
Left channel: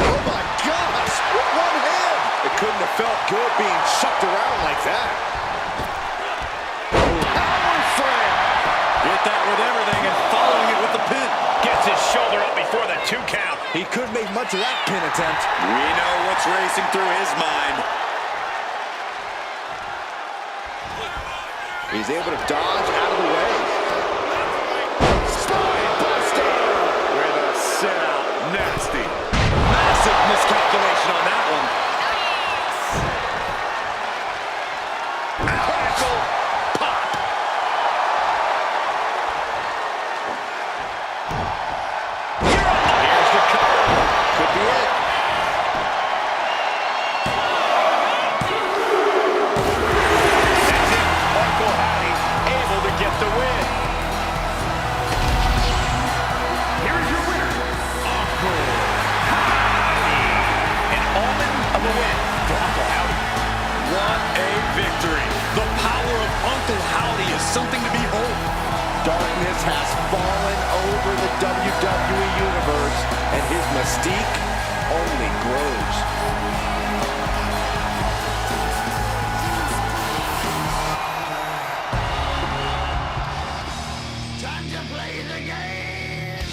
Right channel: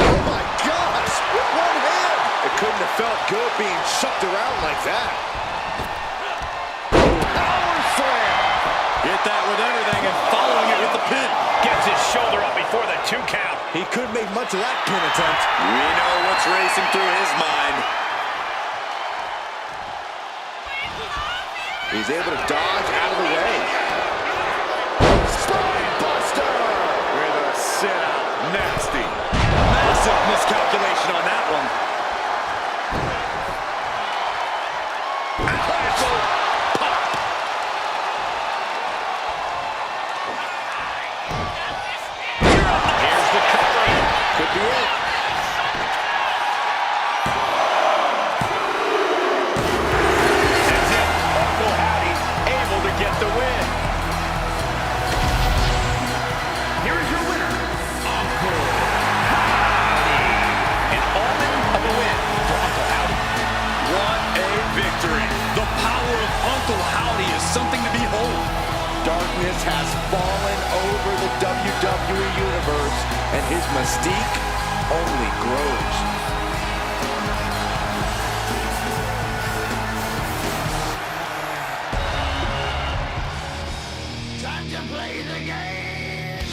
Oh my gosh, with one hand. It couldn't have felt good being shucked around like that. Power slam. Get that with everything and following it with the pin. Gets his shoulder up before the 2 count. He couldn't make much of that pin attempt. We know what's racing through his mind. He's able to dodge out of the way. Spine buster with a sit out. Nasty. Massive miscalculation on that one. Ankle pop. Here's the cover. Could be it. That's it. Uncle Howdy able to get the win. Here is your winner, Uncle Howdy. An omen of a win for Uncle Howdy. What a victory. The power of Uncle Howdy is something to behold. Darkness has fallen over the WWE Universe, and his mystique only grows. Time to play the game!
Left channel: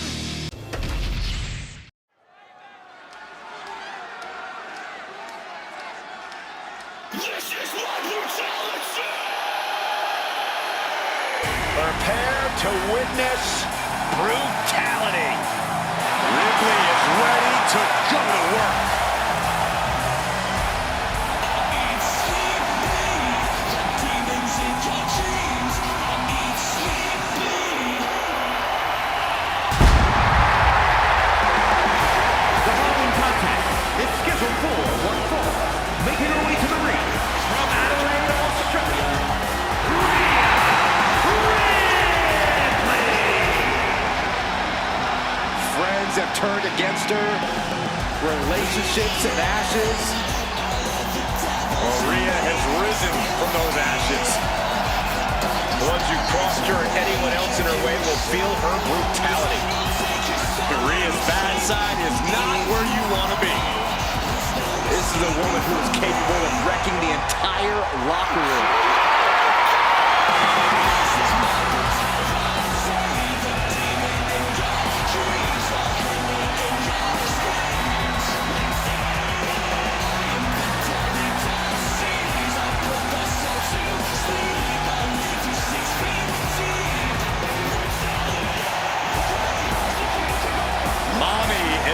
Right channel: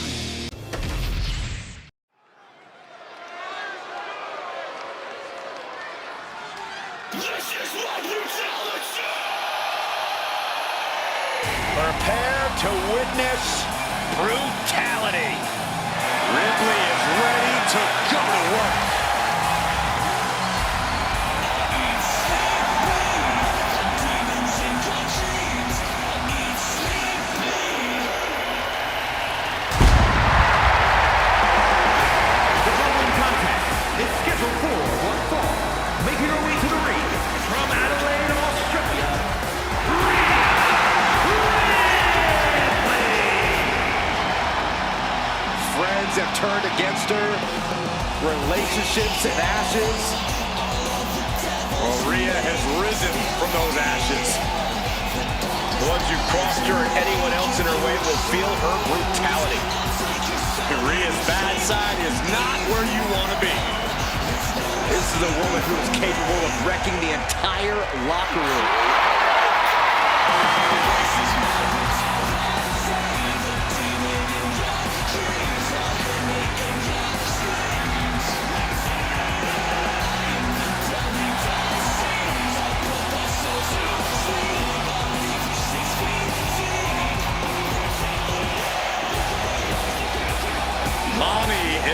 This is what brutality! Prepare to witness brutality. Ripley is ready to go to work. The following contest is scheduled for 1 fall. Making her way to the ring from Adelaide, Australia, Rhea Ripley. Friends have turned against her. Relationships in ashes. Rhea has risen from those ashes. The ones who crossed her and anyone else in her way will feel her brutality. Rhea's bad side is not where you want to be. This is a woman who is capable of wrecking the entire locker room.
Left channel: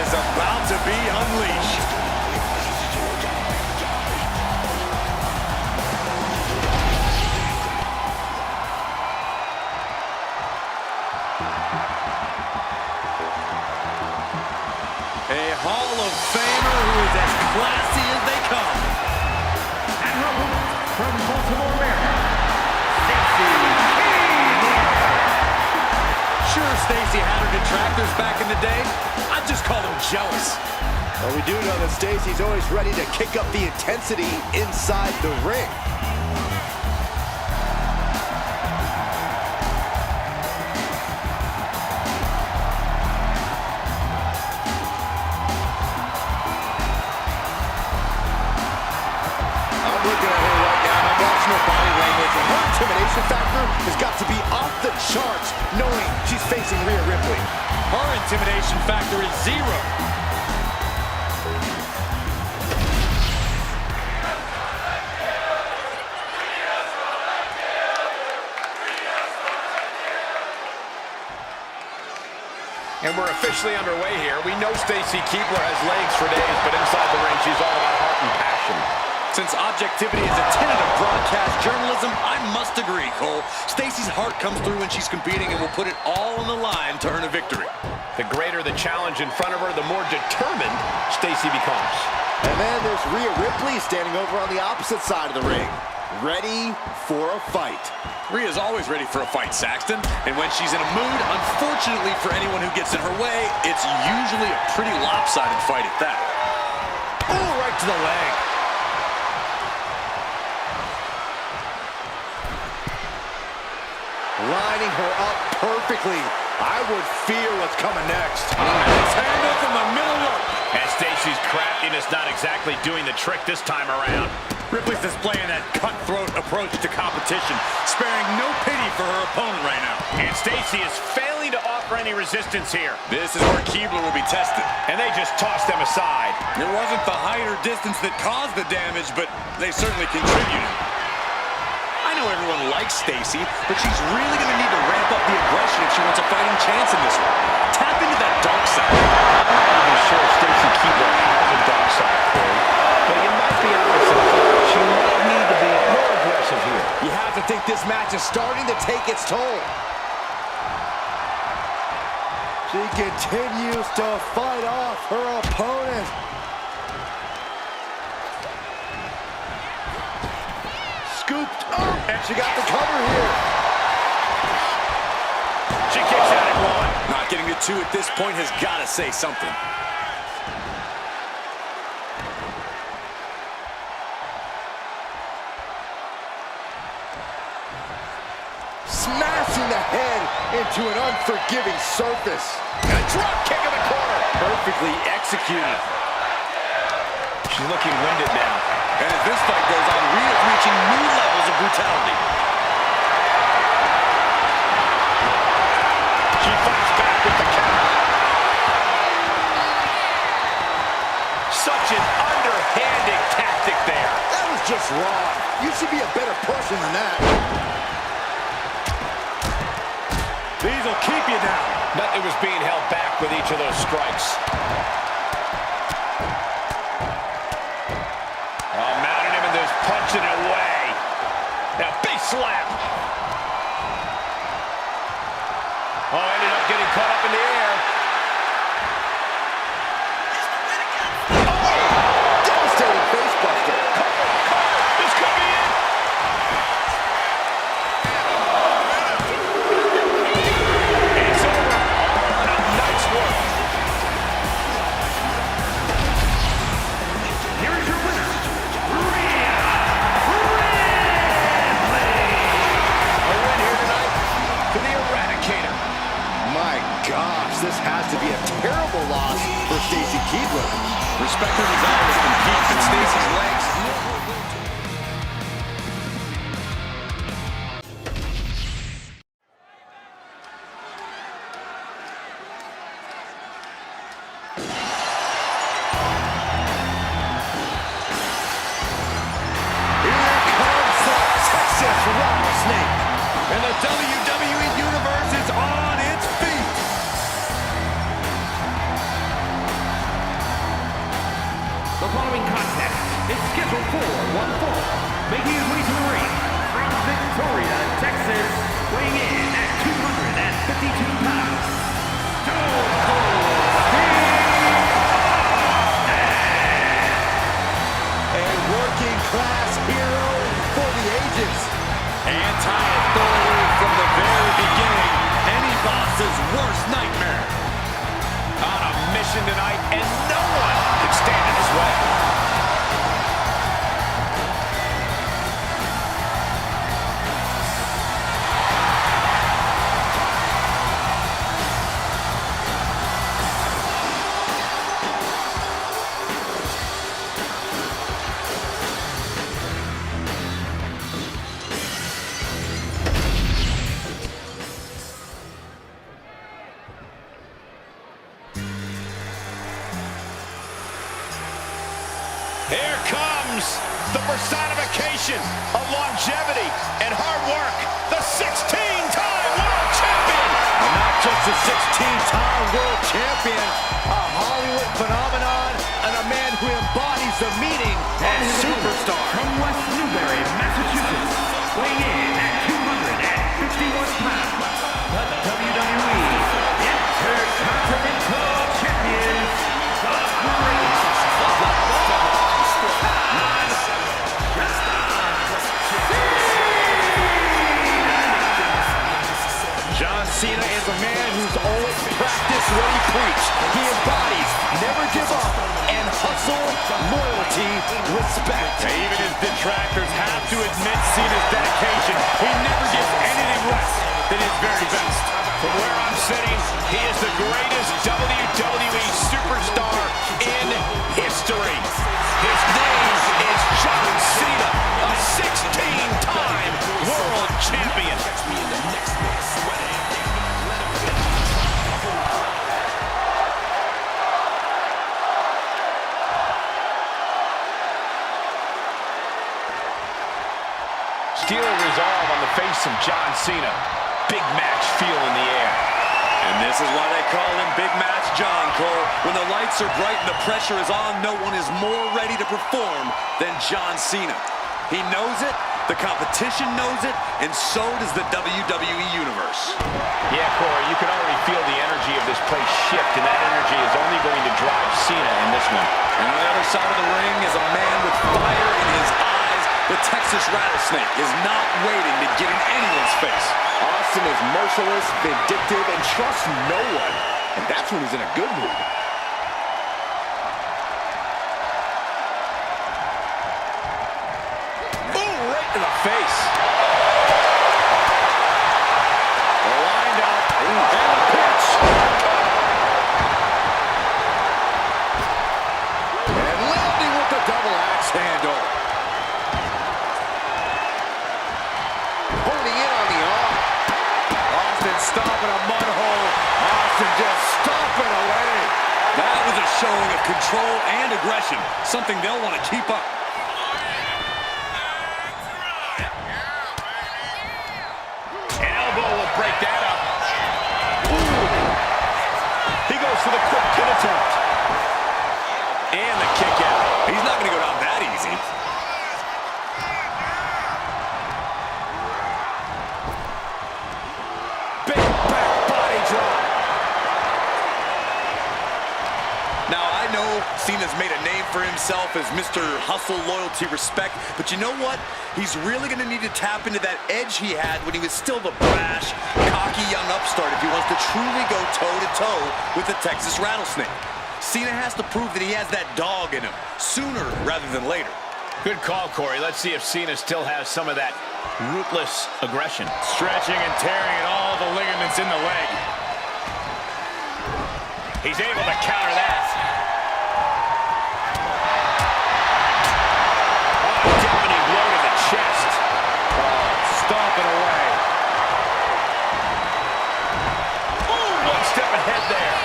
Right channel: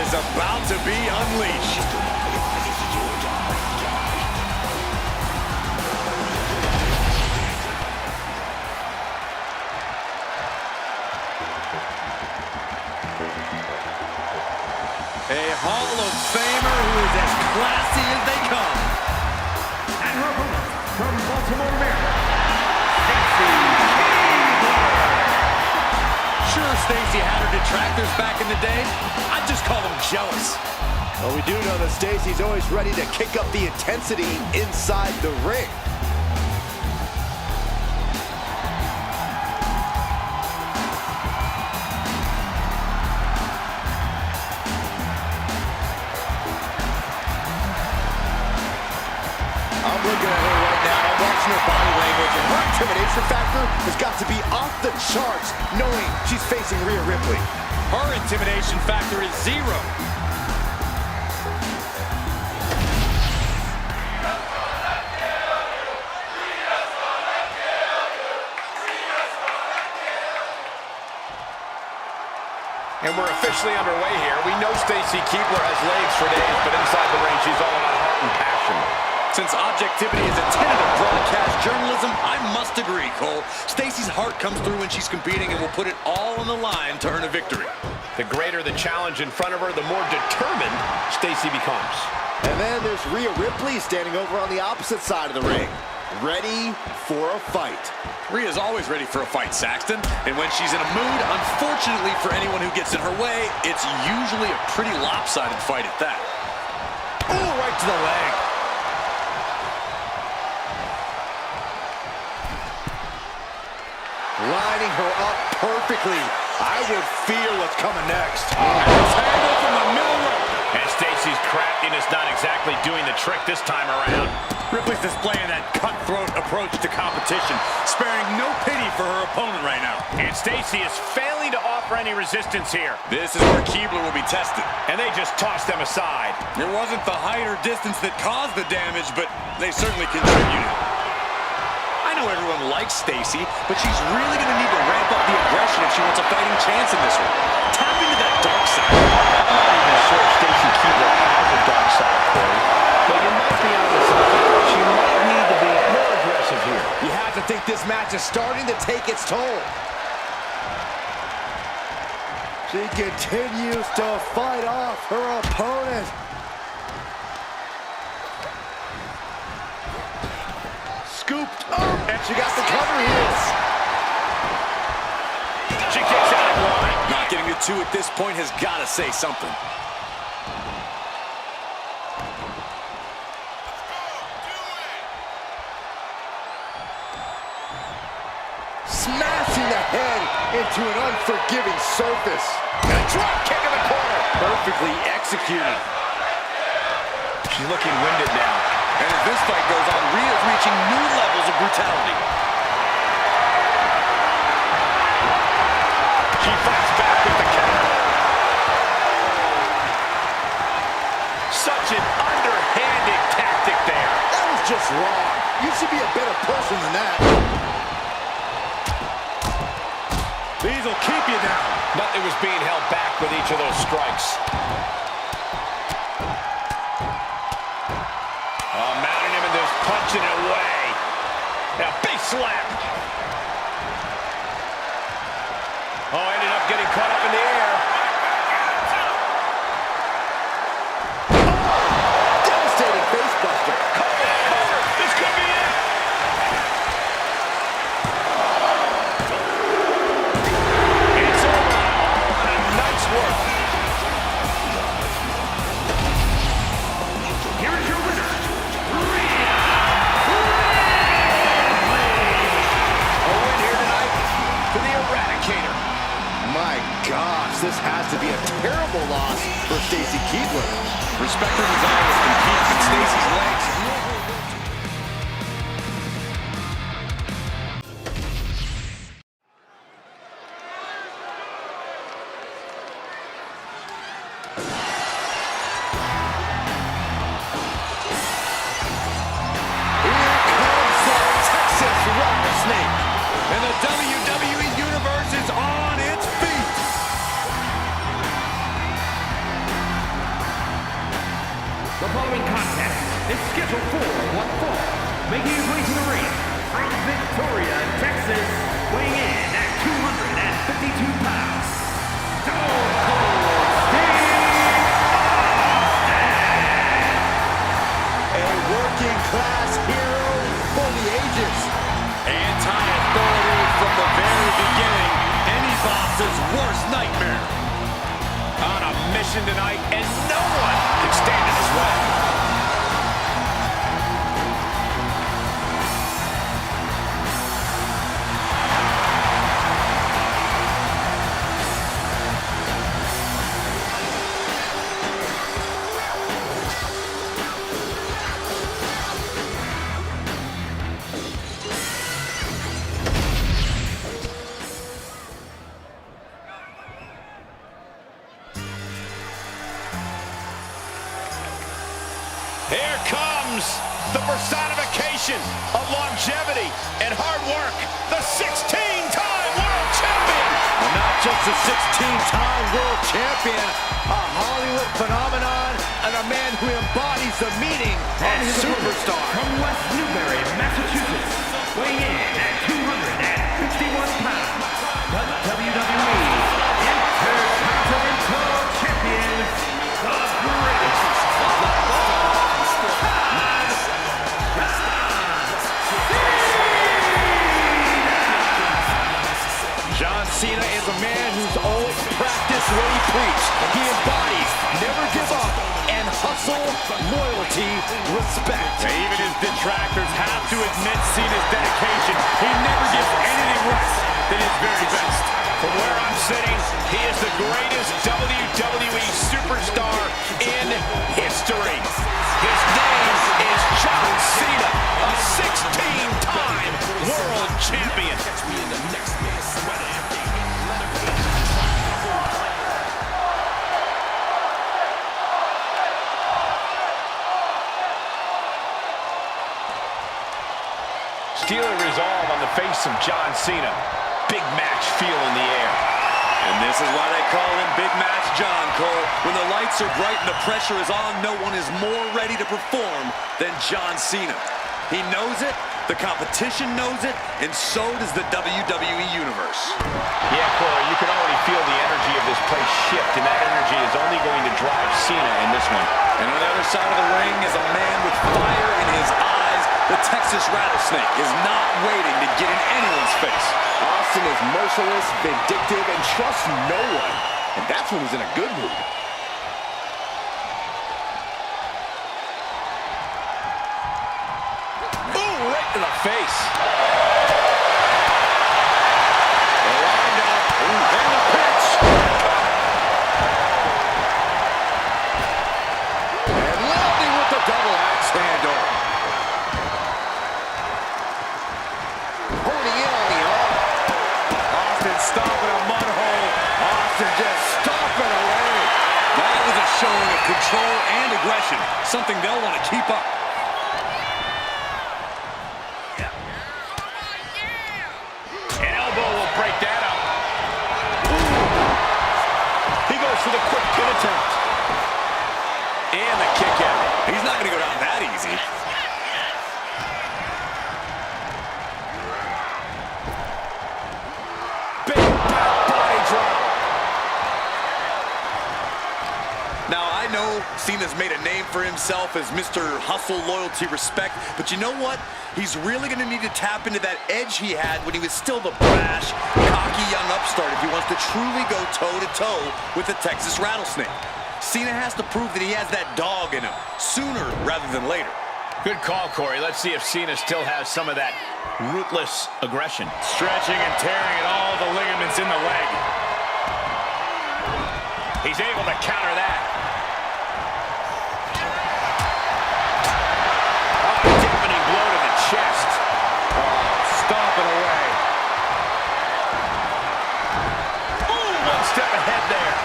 is about to be unleashed. A Hall of Famer who is as classy as they come. And her opponent from Baltimore, Maryland, Stacy Keibler. Sure, Stacy had her detractors back in the day. I'd just call them jealous. Well, we do know that Stacy's always ready to kick up the intensity inside the ring. Looking at her right now, I'm watching her body language, and her intimidation factor has got to be off the charts, knowing she's facing Rhea Ripley. Her intimidation factor is 0. And we're officially underway here. We know Stacy Keibler has legs for days, but inside the ring, she's all about heart and passion. Since objectivity is a tenet of broadcast journalism, I must agree, Cole. Stacy's heart comes through when she's competing and will put it all on the line to earn a victory. The greater the challenge in front of her, the more determined Stacy becomes. And then there's Rhea Ripley standing over on the opposite side of the ring, ready for a fight. Rhea's always ready for a fight, Saxton. And when she's in a mood, unfortunately for anyone who gets in her way, it's usually a pretty lopsided fight at that. Oh, right to the leg. Lining her up perfectly. I would fear what's coming next. Handle from the middle rope. And Stacy's craftiness not exactly doing the trick this time around. Ripley's displaying that cutthroat approach to competition, sparing no pity for her opponent right now. And Stacy is failing to offer any resistance here. This is where Keibler will be tested. And they just tossed them aside. It wasn't the height or distance that caused the damage, but they certainly contributed. I know everyone likes Stacy, but she's really going to need to ramp up the aggression if she wants a fighting chance in this one. Tap into that dark side. I'm not even sure if Stacy Keibler has a dark side, Corey. But you might be onto something. She might need to be more aggressive here. You have to think this match is starting to take its toll. She continues to fight off her opponent. Scooped up, and she got the cover here. She kicks out at 1. Not getting to 2 at this point has got to say something. Smashing the head into an unforgiving surface. And a drop kick in the corner. Perfectly executed. She's looking winded now. And as this fight goes on, Rhea's reaching new levels of brutality. She fights back with the counter. Such an underhanded tactic there. That was just wrong. You should be a better person than that. These will keep you down. Nothing was being held back with each of those strikes. Mounting him and just punching it away. Now, big slap. Oh, ended up getting caught up in the air. Oh! Devastating face buster. Cover, cover. This could be it. It's over. All in a night's work. Here is your winner, Rhea Ripley. A win here tonight for the Eradicator. My gosh, this has to be a terrible loss for Stacy Keibler. Respect her desire to compete, but Stacy's legs. Here comes the Texas Rattlesnake. And the WWE Universe is on its feet. following contest is scheduled for one fall. Making his way to the ring from Victoria, Texas, weighing in at 252 pounds, Stone Cold Steve Austin! A working-class hero for the ages. Anti-authority from the very beginning. Any boss's worst nightmare. On a mission tonight, and no one can stand in his way. Here comes the personification of longevity and hard work, the 16-time world champion. Not just a 16-time world champion, a Hollywood phenomenon, and a man who embodies the meaning of And superstar. from West Newbury, Massachusetts, weighing in at 251 pounds, the WWE Intercontinental Champion, the greatest of all time, John Cena is a man who's always practiced what he preached. He embodies never give up and hustle, loyalty, respect. Even his detractors have to admit Cena's dedication. He never gives anything less than his very best. From where I'm sitting, he is the greatest WWE superstar in history. His name is John Cena, a 16-time world champion. Steeler resolve on the face of John Cena. Big match feel in the air. And this is why they call him Big Match John, Cole. When the lights are bright and the pressure is on, no one is more ready to perform than John Cena. He knows it, the competition knows it, and so does the WWE Universe. Yeah, Corey, you can already feel the energy of this place shift, and that energy is only going to drive Cena in this one. And on the other side of the ring is a man with fire in his eyes. The Texas Rattlesnake is not waiting to get in anyone's face. Austin is merciless, vindictive, and trusts no one. And that's when he's in a good mood. Ooh, right to the face. They're lined up. And the pitch. And landing with the double axe handle. Honing in on the arm. Austin stomping a mud hole. Austin just stomping away. That was a showing of control and aggression, something they'll want to keep up. An elbow will break that up. Ooh. He goes for the quick pin attempt. And the kick out. He's not going to go down that easy. Big back body drop. Now, I know Cena's made a name for himself as Mr. Hustle, Loyalty, Respect, but you know what? He's really going to need to tap into that edge he had when he was still the brash, cocky young upstart if he wants to truly go toe-to-toe with the Texas Rattlesnake. Cena has to prove that he has that dog in him sooner rather than later. Good call, Corey. Let's see if Cena still has some of that ruthless aggression. Stretching and tearing at all the ligaments in the leg. He's able to counter that. Oh, a deafening blow to the chest. Oh, stomping away. Ooh, one step ahead there.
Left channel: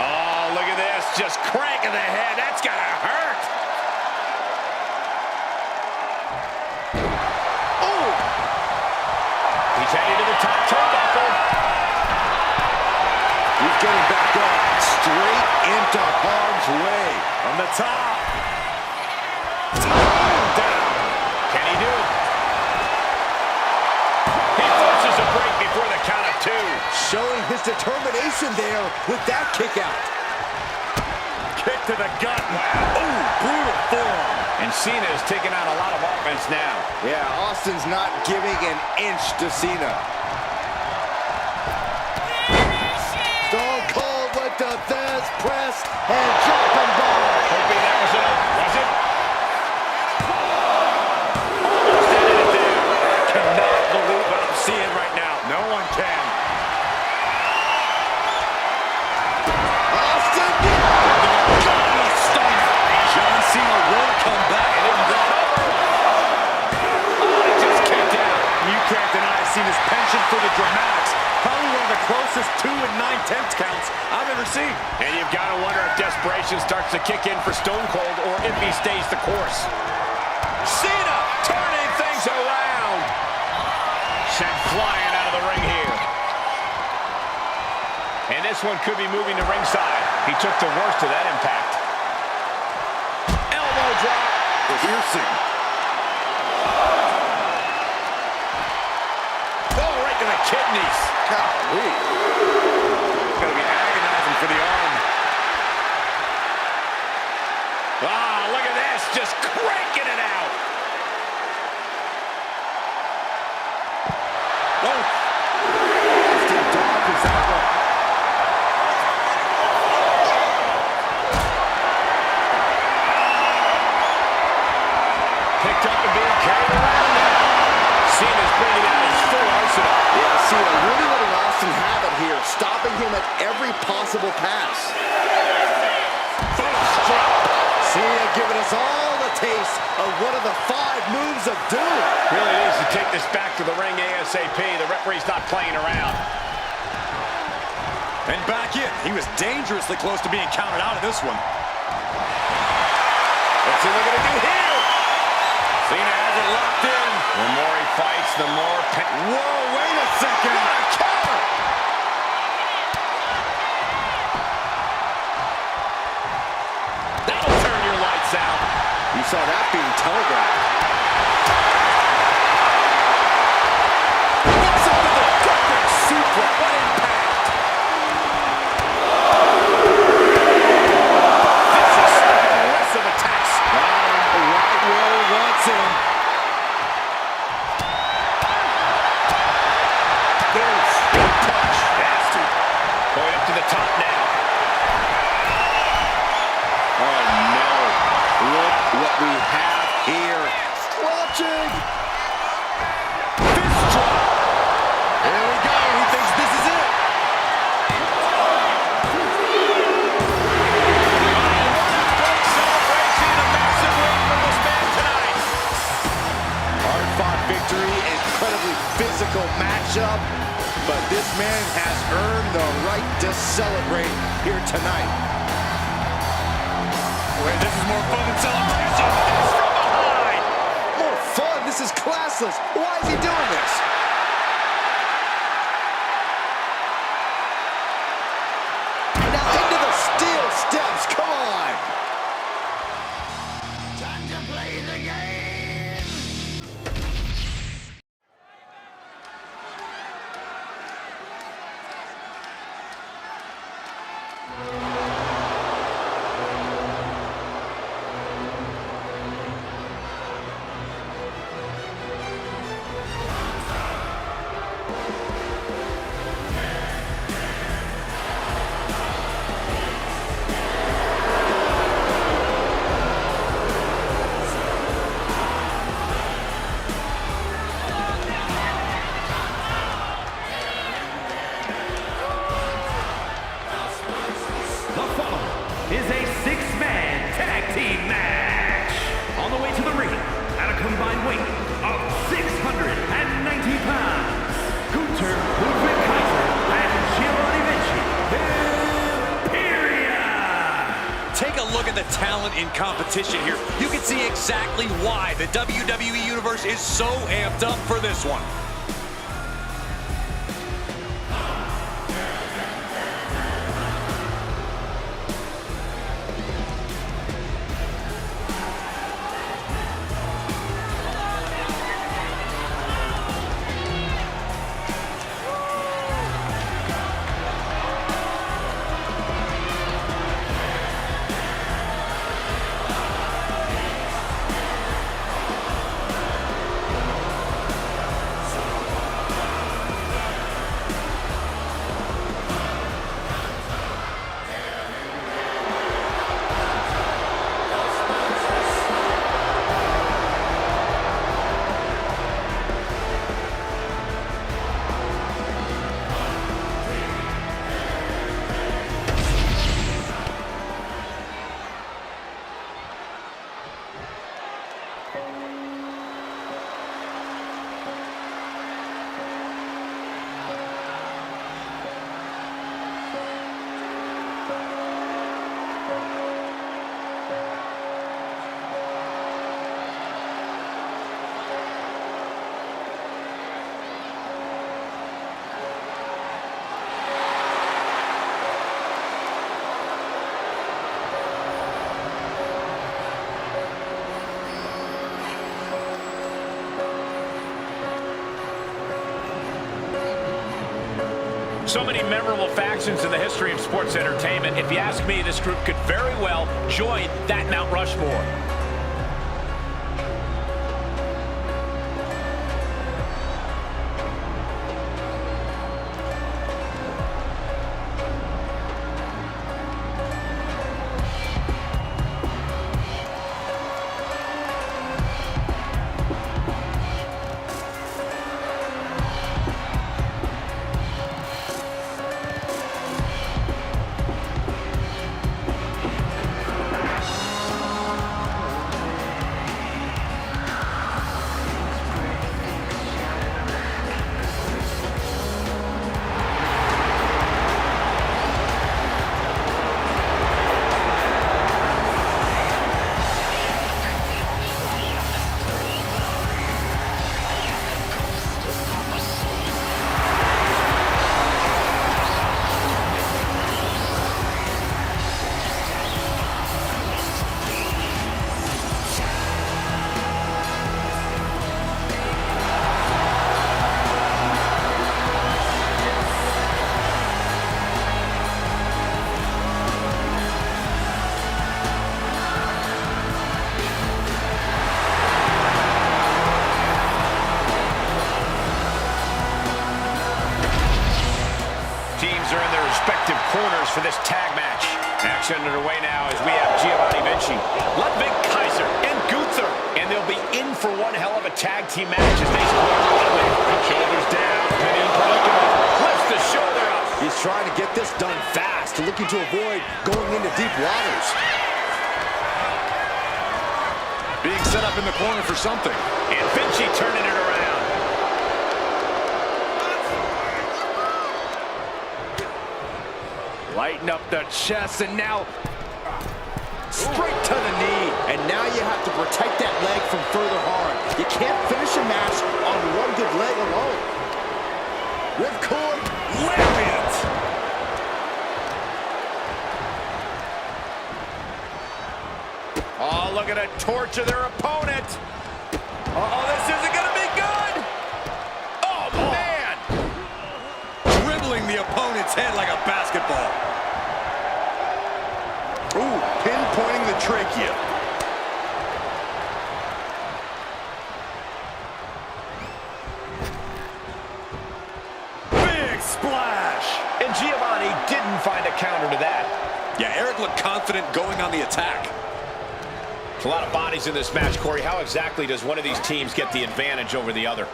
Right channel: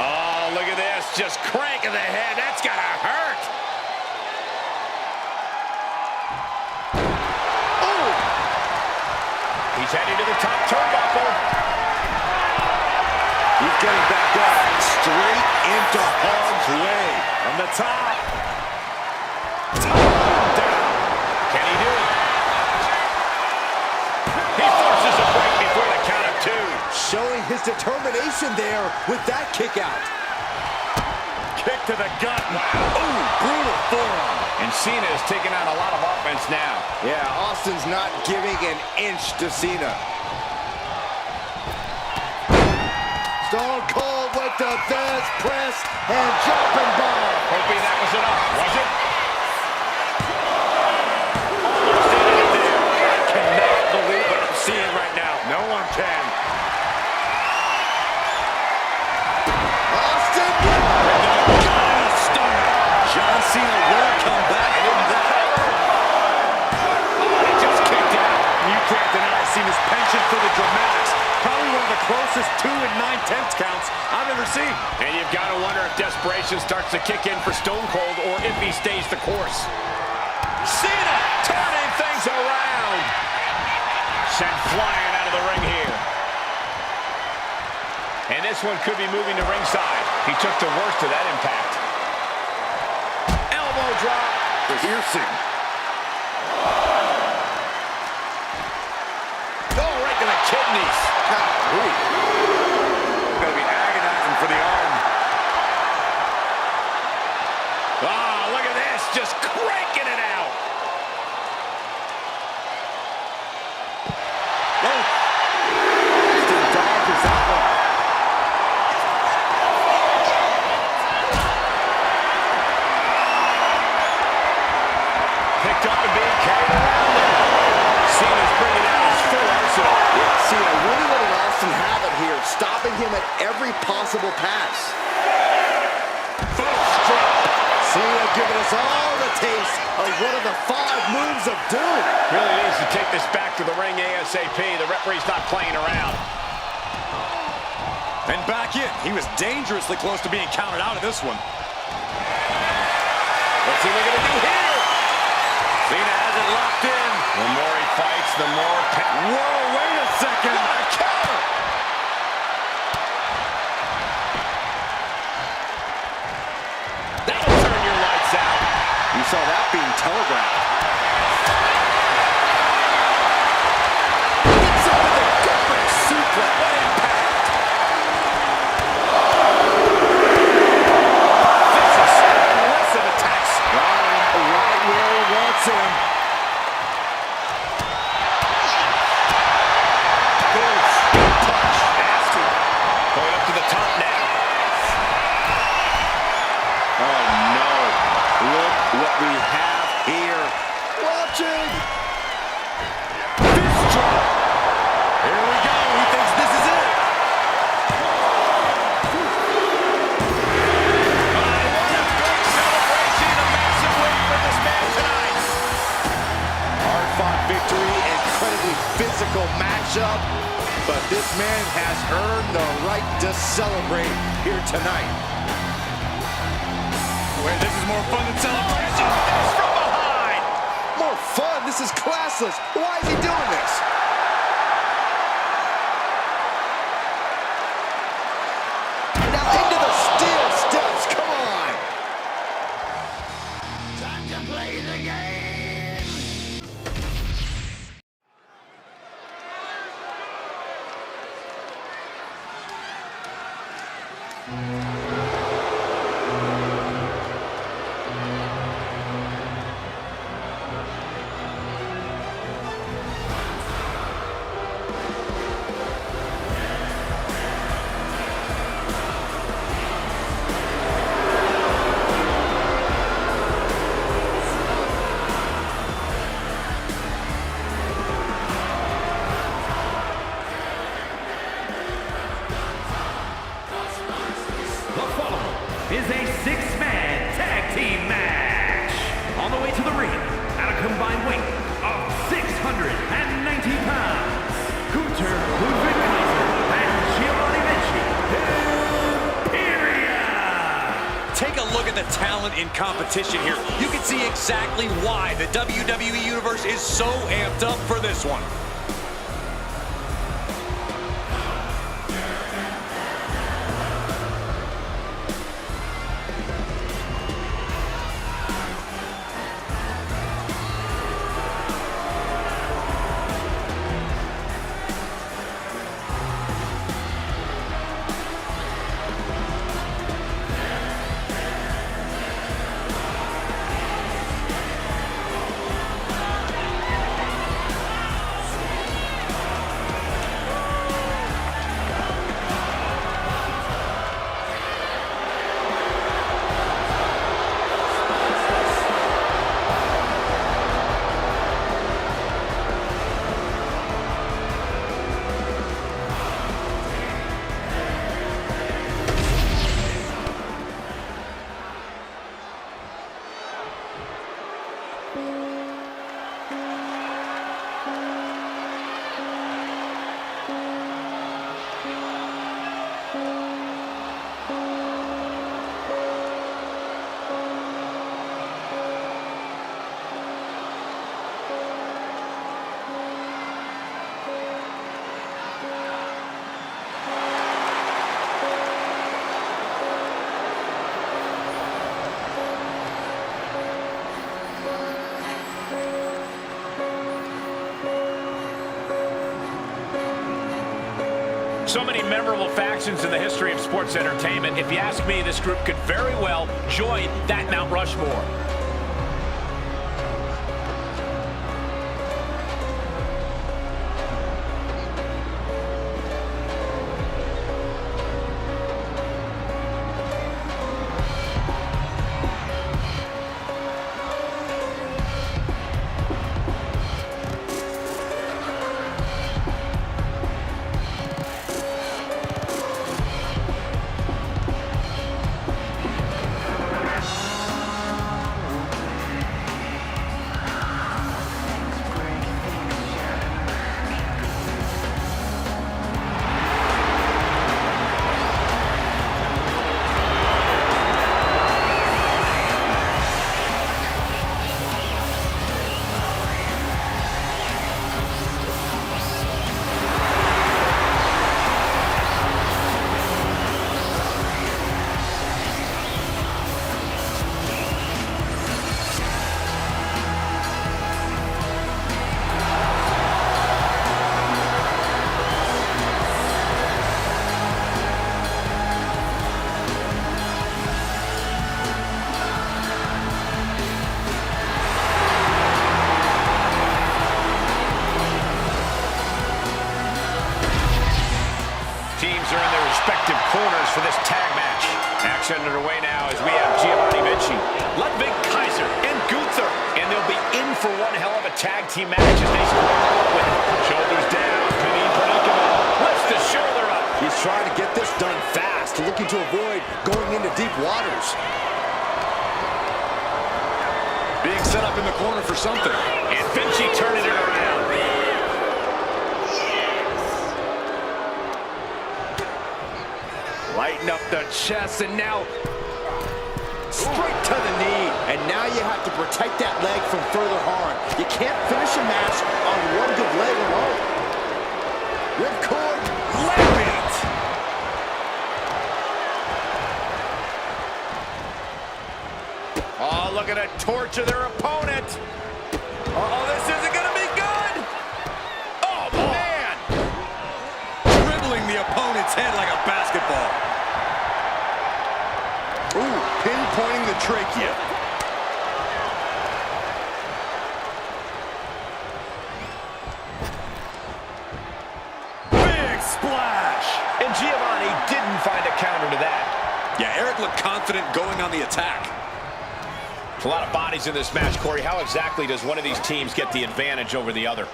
Oh, look at this. Just cranking the head. That's gotta hurt. Oh! He's heading to the top turnbuckle. He's getting back up, straight into harm's way. From the top. Down. Can he do it? He forces a break before the count of 2. Showing his determination there with that kick out. Kick to the gut. Wow. Ooh, brutal forearm. And Cena is taking on a lot of offense now. Yeah, Austin's not giving an inch to Cena. Stone Cold with the best press and jumping bomb. Hoping that was enough. Was it? Almost ended it there. I cannot believe what I'm seeing right now. No one can. Austin, Got a stunner. John Cena will come back from that. Oh, he just kicked out. You can't deny Cena's penchant for the dramatics. Probably one of the closest 2 9/10 counts I've ever seen. And you've got to wonder if desperation starts to kick in for Stone Cold or if he stays the course. Cena turning things around. Sent flying out of the ring here. And this one could be moving to ringside. He took the worst of that impact. Elbow drop. piercing. Oh, right to the kidneys. Golly. Gonna be agonizing for the arm. Ah, look at this, just cranking it out. Oh. Austin dodges that one. Picked up and being carried around now. Cena's bringing out his full arsenal. Yeah, Cena really letting Austin have it here, stopping him at every possible pass. First drop. Cena giving us all the taste of one of the 5 moves of doom. Really needs to take this back to the ring ASAP. The referee's not playing around. And back in. He was dangerously close to being counted out of this one. Let's see what they're going to do here. Cena has it locked in. The more he fights, the more pain. Whoa, wait a second. What a counter. That'll turn your lights out. You saw that being telegraphed. Gets up with a gut-wrench suplex. What impact! Vicious, aggressive attacks. Right where he wants him. Boom. Big punch. Nasty. Going up to the top now. Oh, no. Look what we have here. Watching. Fist drop. Here we go. He thinks this is it. What a big celebration. A massive win for this man tonight. Hard-fought victory, incredibly physical matchup, but this man has earned the right to celebrate here tonight. Wait, this is more fun than celebration. This from behind. More fun. This is classless. Why is he doing this? Now into the steel steps. Come on. Time to play the game. The following is a 6-man tag team match. On the way to the ring, at a combined weight of 690 pounds, Gunther Ludwig Kaiser and Giovanni Vinci Imperia. Take a look at the talent in competition here. You can see exactly why the WWE Universe is so amped up for this one. So many memorable factions in the history of sports entertainment. If you ask me, this group could very well join that Mount Rushmore. Teams are in their respective corners for this tag match. Action underway now as we have Giovanni Vinci, Ludwig Kaiser, and Gunther. And they'll be in for one hell of a tag team match as they square up with shoulders down, pinning predicament, lifts the shoulder up. He's trying to get this done fast, looking to avoid going into deep waters. Being set up in the corner for something. And Vinci turning it around. Lighten up the chest, and now straight to the knee. And now you have to protect that leg from further harm. You can't finish a match on one good leg alone. Ripcord lariat. Oh, look at it torture their opponent. Uh-oh, this isn't going to be good. Oh, man. Dribbling the opponent's head like a basketball. Ooh, pinpointing the trachea. Big splash. And Giovanni didn't find a counter to that. Yeah, Eric looked confident going on the attack. There's a lot of bodies in this match, Corey. How exactly does one of these teams get the advantage over the other?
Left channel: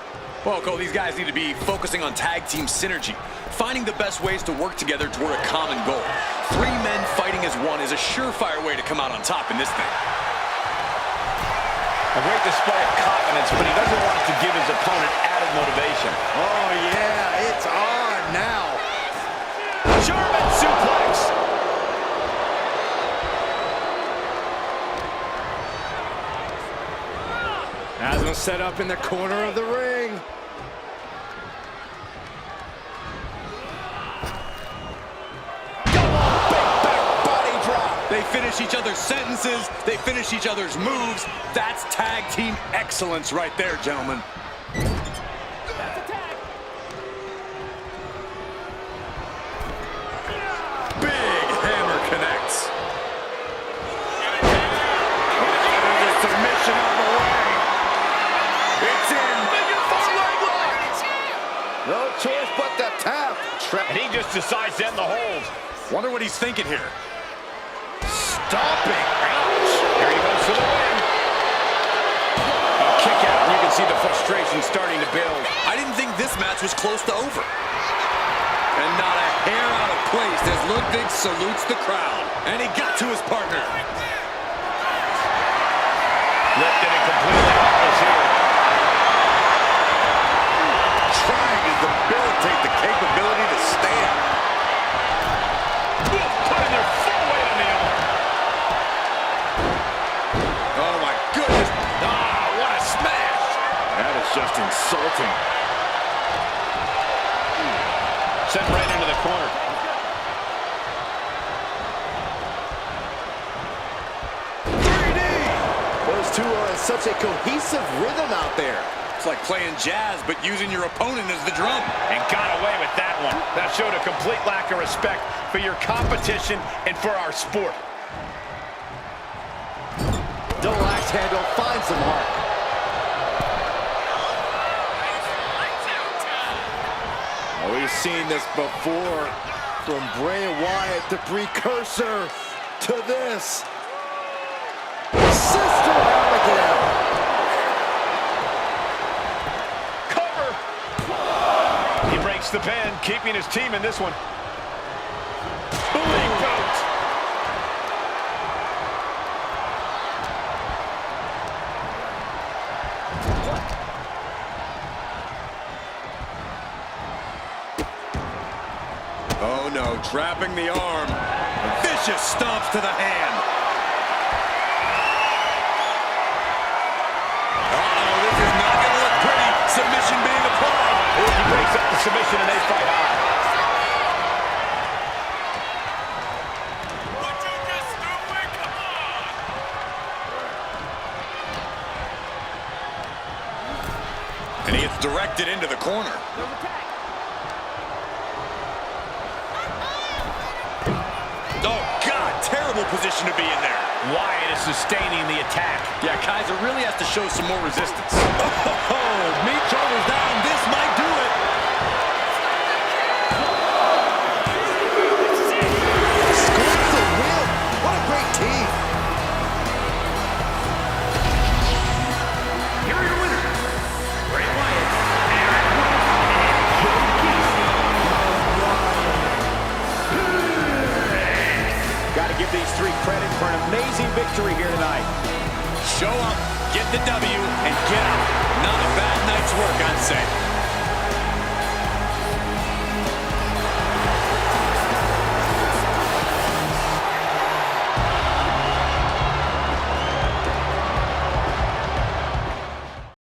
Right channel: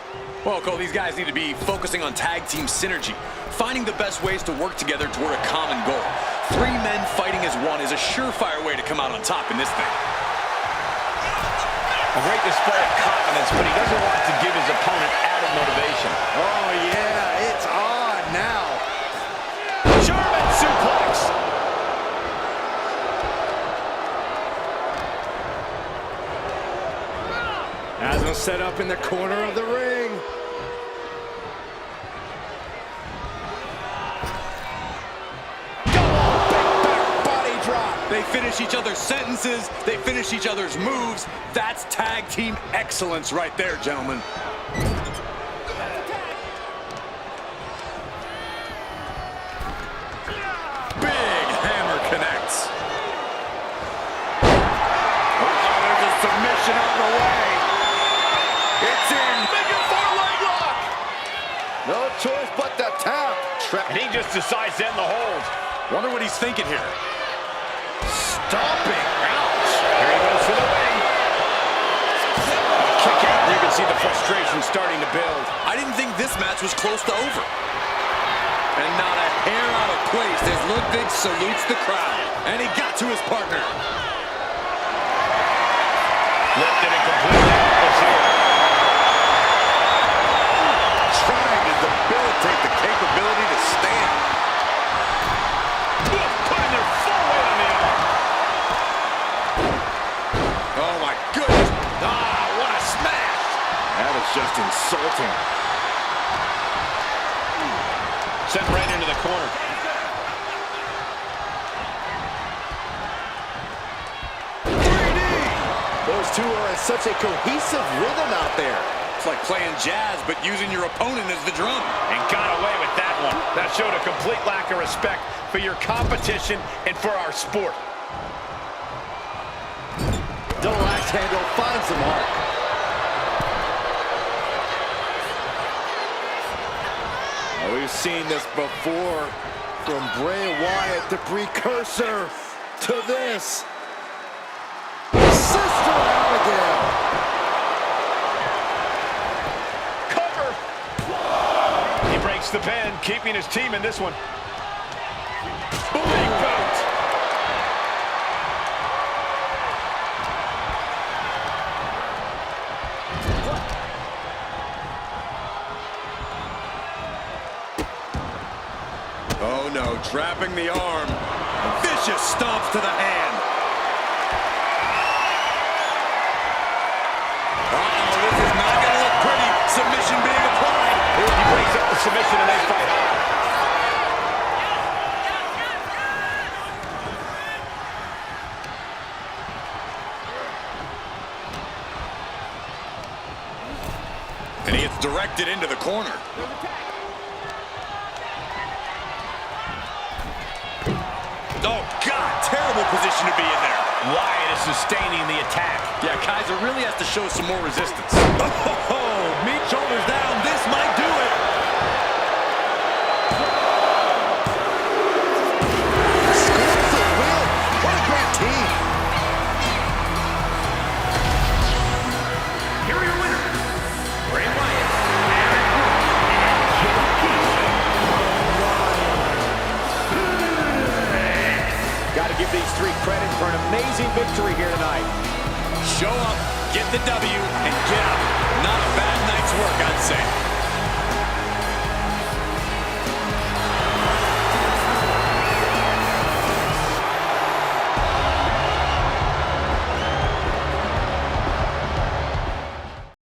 Well, Cole, these guys need to be focusing on tag team synergy, finding the best ways to work together toward a common goal. 3 men fighting as one is a surefire way to come out on top in this thing. A great display of confidence, but he doesn't want to give his opponent added motivation. Oh, yeah, it's on now. German suplex. Has him set up in the corner of the ring. They finish each other's sentences. They finish each other's moves. That's tag team excellence right there, gentlemen. Big hammer connects. Uh-oh, there's a submission on the way. It's in. Big four-leg lock. No choice but to tap. And he just decides to end the hold. Wonder what he's thinking here. Stomping. Ouch. Here he goes for the win. A kick out, and you can see the frustration starting to build. I didn't think this match was close to over. And not a hair out of place as Ludwig salutes the crowd. And he got to his partner. Lifted it completely helpless here. Trying to debilitate the capability to stand. Putting their full weight on the arm. Oh, my goodness. Ah, what a smash. That is just insulting. Sent right into the corner. Those two are in such a cohesive rhythm out there. It's like playing jazz, but using your opponent as the drum. And got away with that one. That showed a complete lack of respect for your competition and for our sport. Double axe handle finds the mark. Oh, we've seen this before. From Bray Wyatt, the precursor to this. Sister Abigail. Cover. He breaks the pin, keeping his team in this one. Big goat. Oh no, trapping the arm. Vicious stomps to the hand. Uh-oh, this is not going to look pretty. Submission being applied. He breaks up the submission and they fight on. And he gets directed into the corner. Oh, God, terrible position to be in there. Wyatt is sustaining the attack. Yeah, Kaiser really has to show some more resistance. Oh, meat shoulders down. This might do it. Scores the win. What a great team. Here are your winners, Bray Wyatt, Eric Rowan, and Joe Casey. Got to give these three credit for an amazing victory here tonight. Show up, get the W, and get out. Not a bad night's work, I'd say.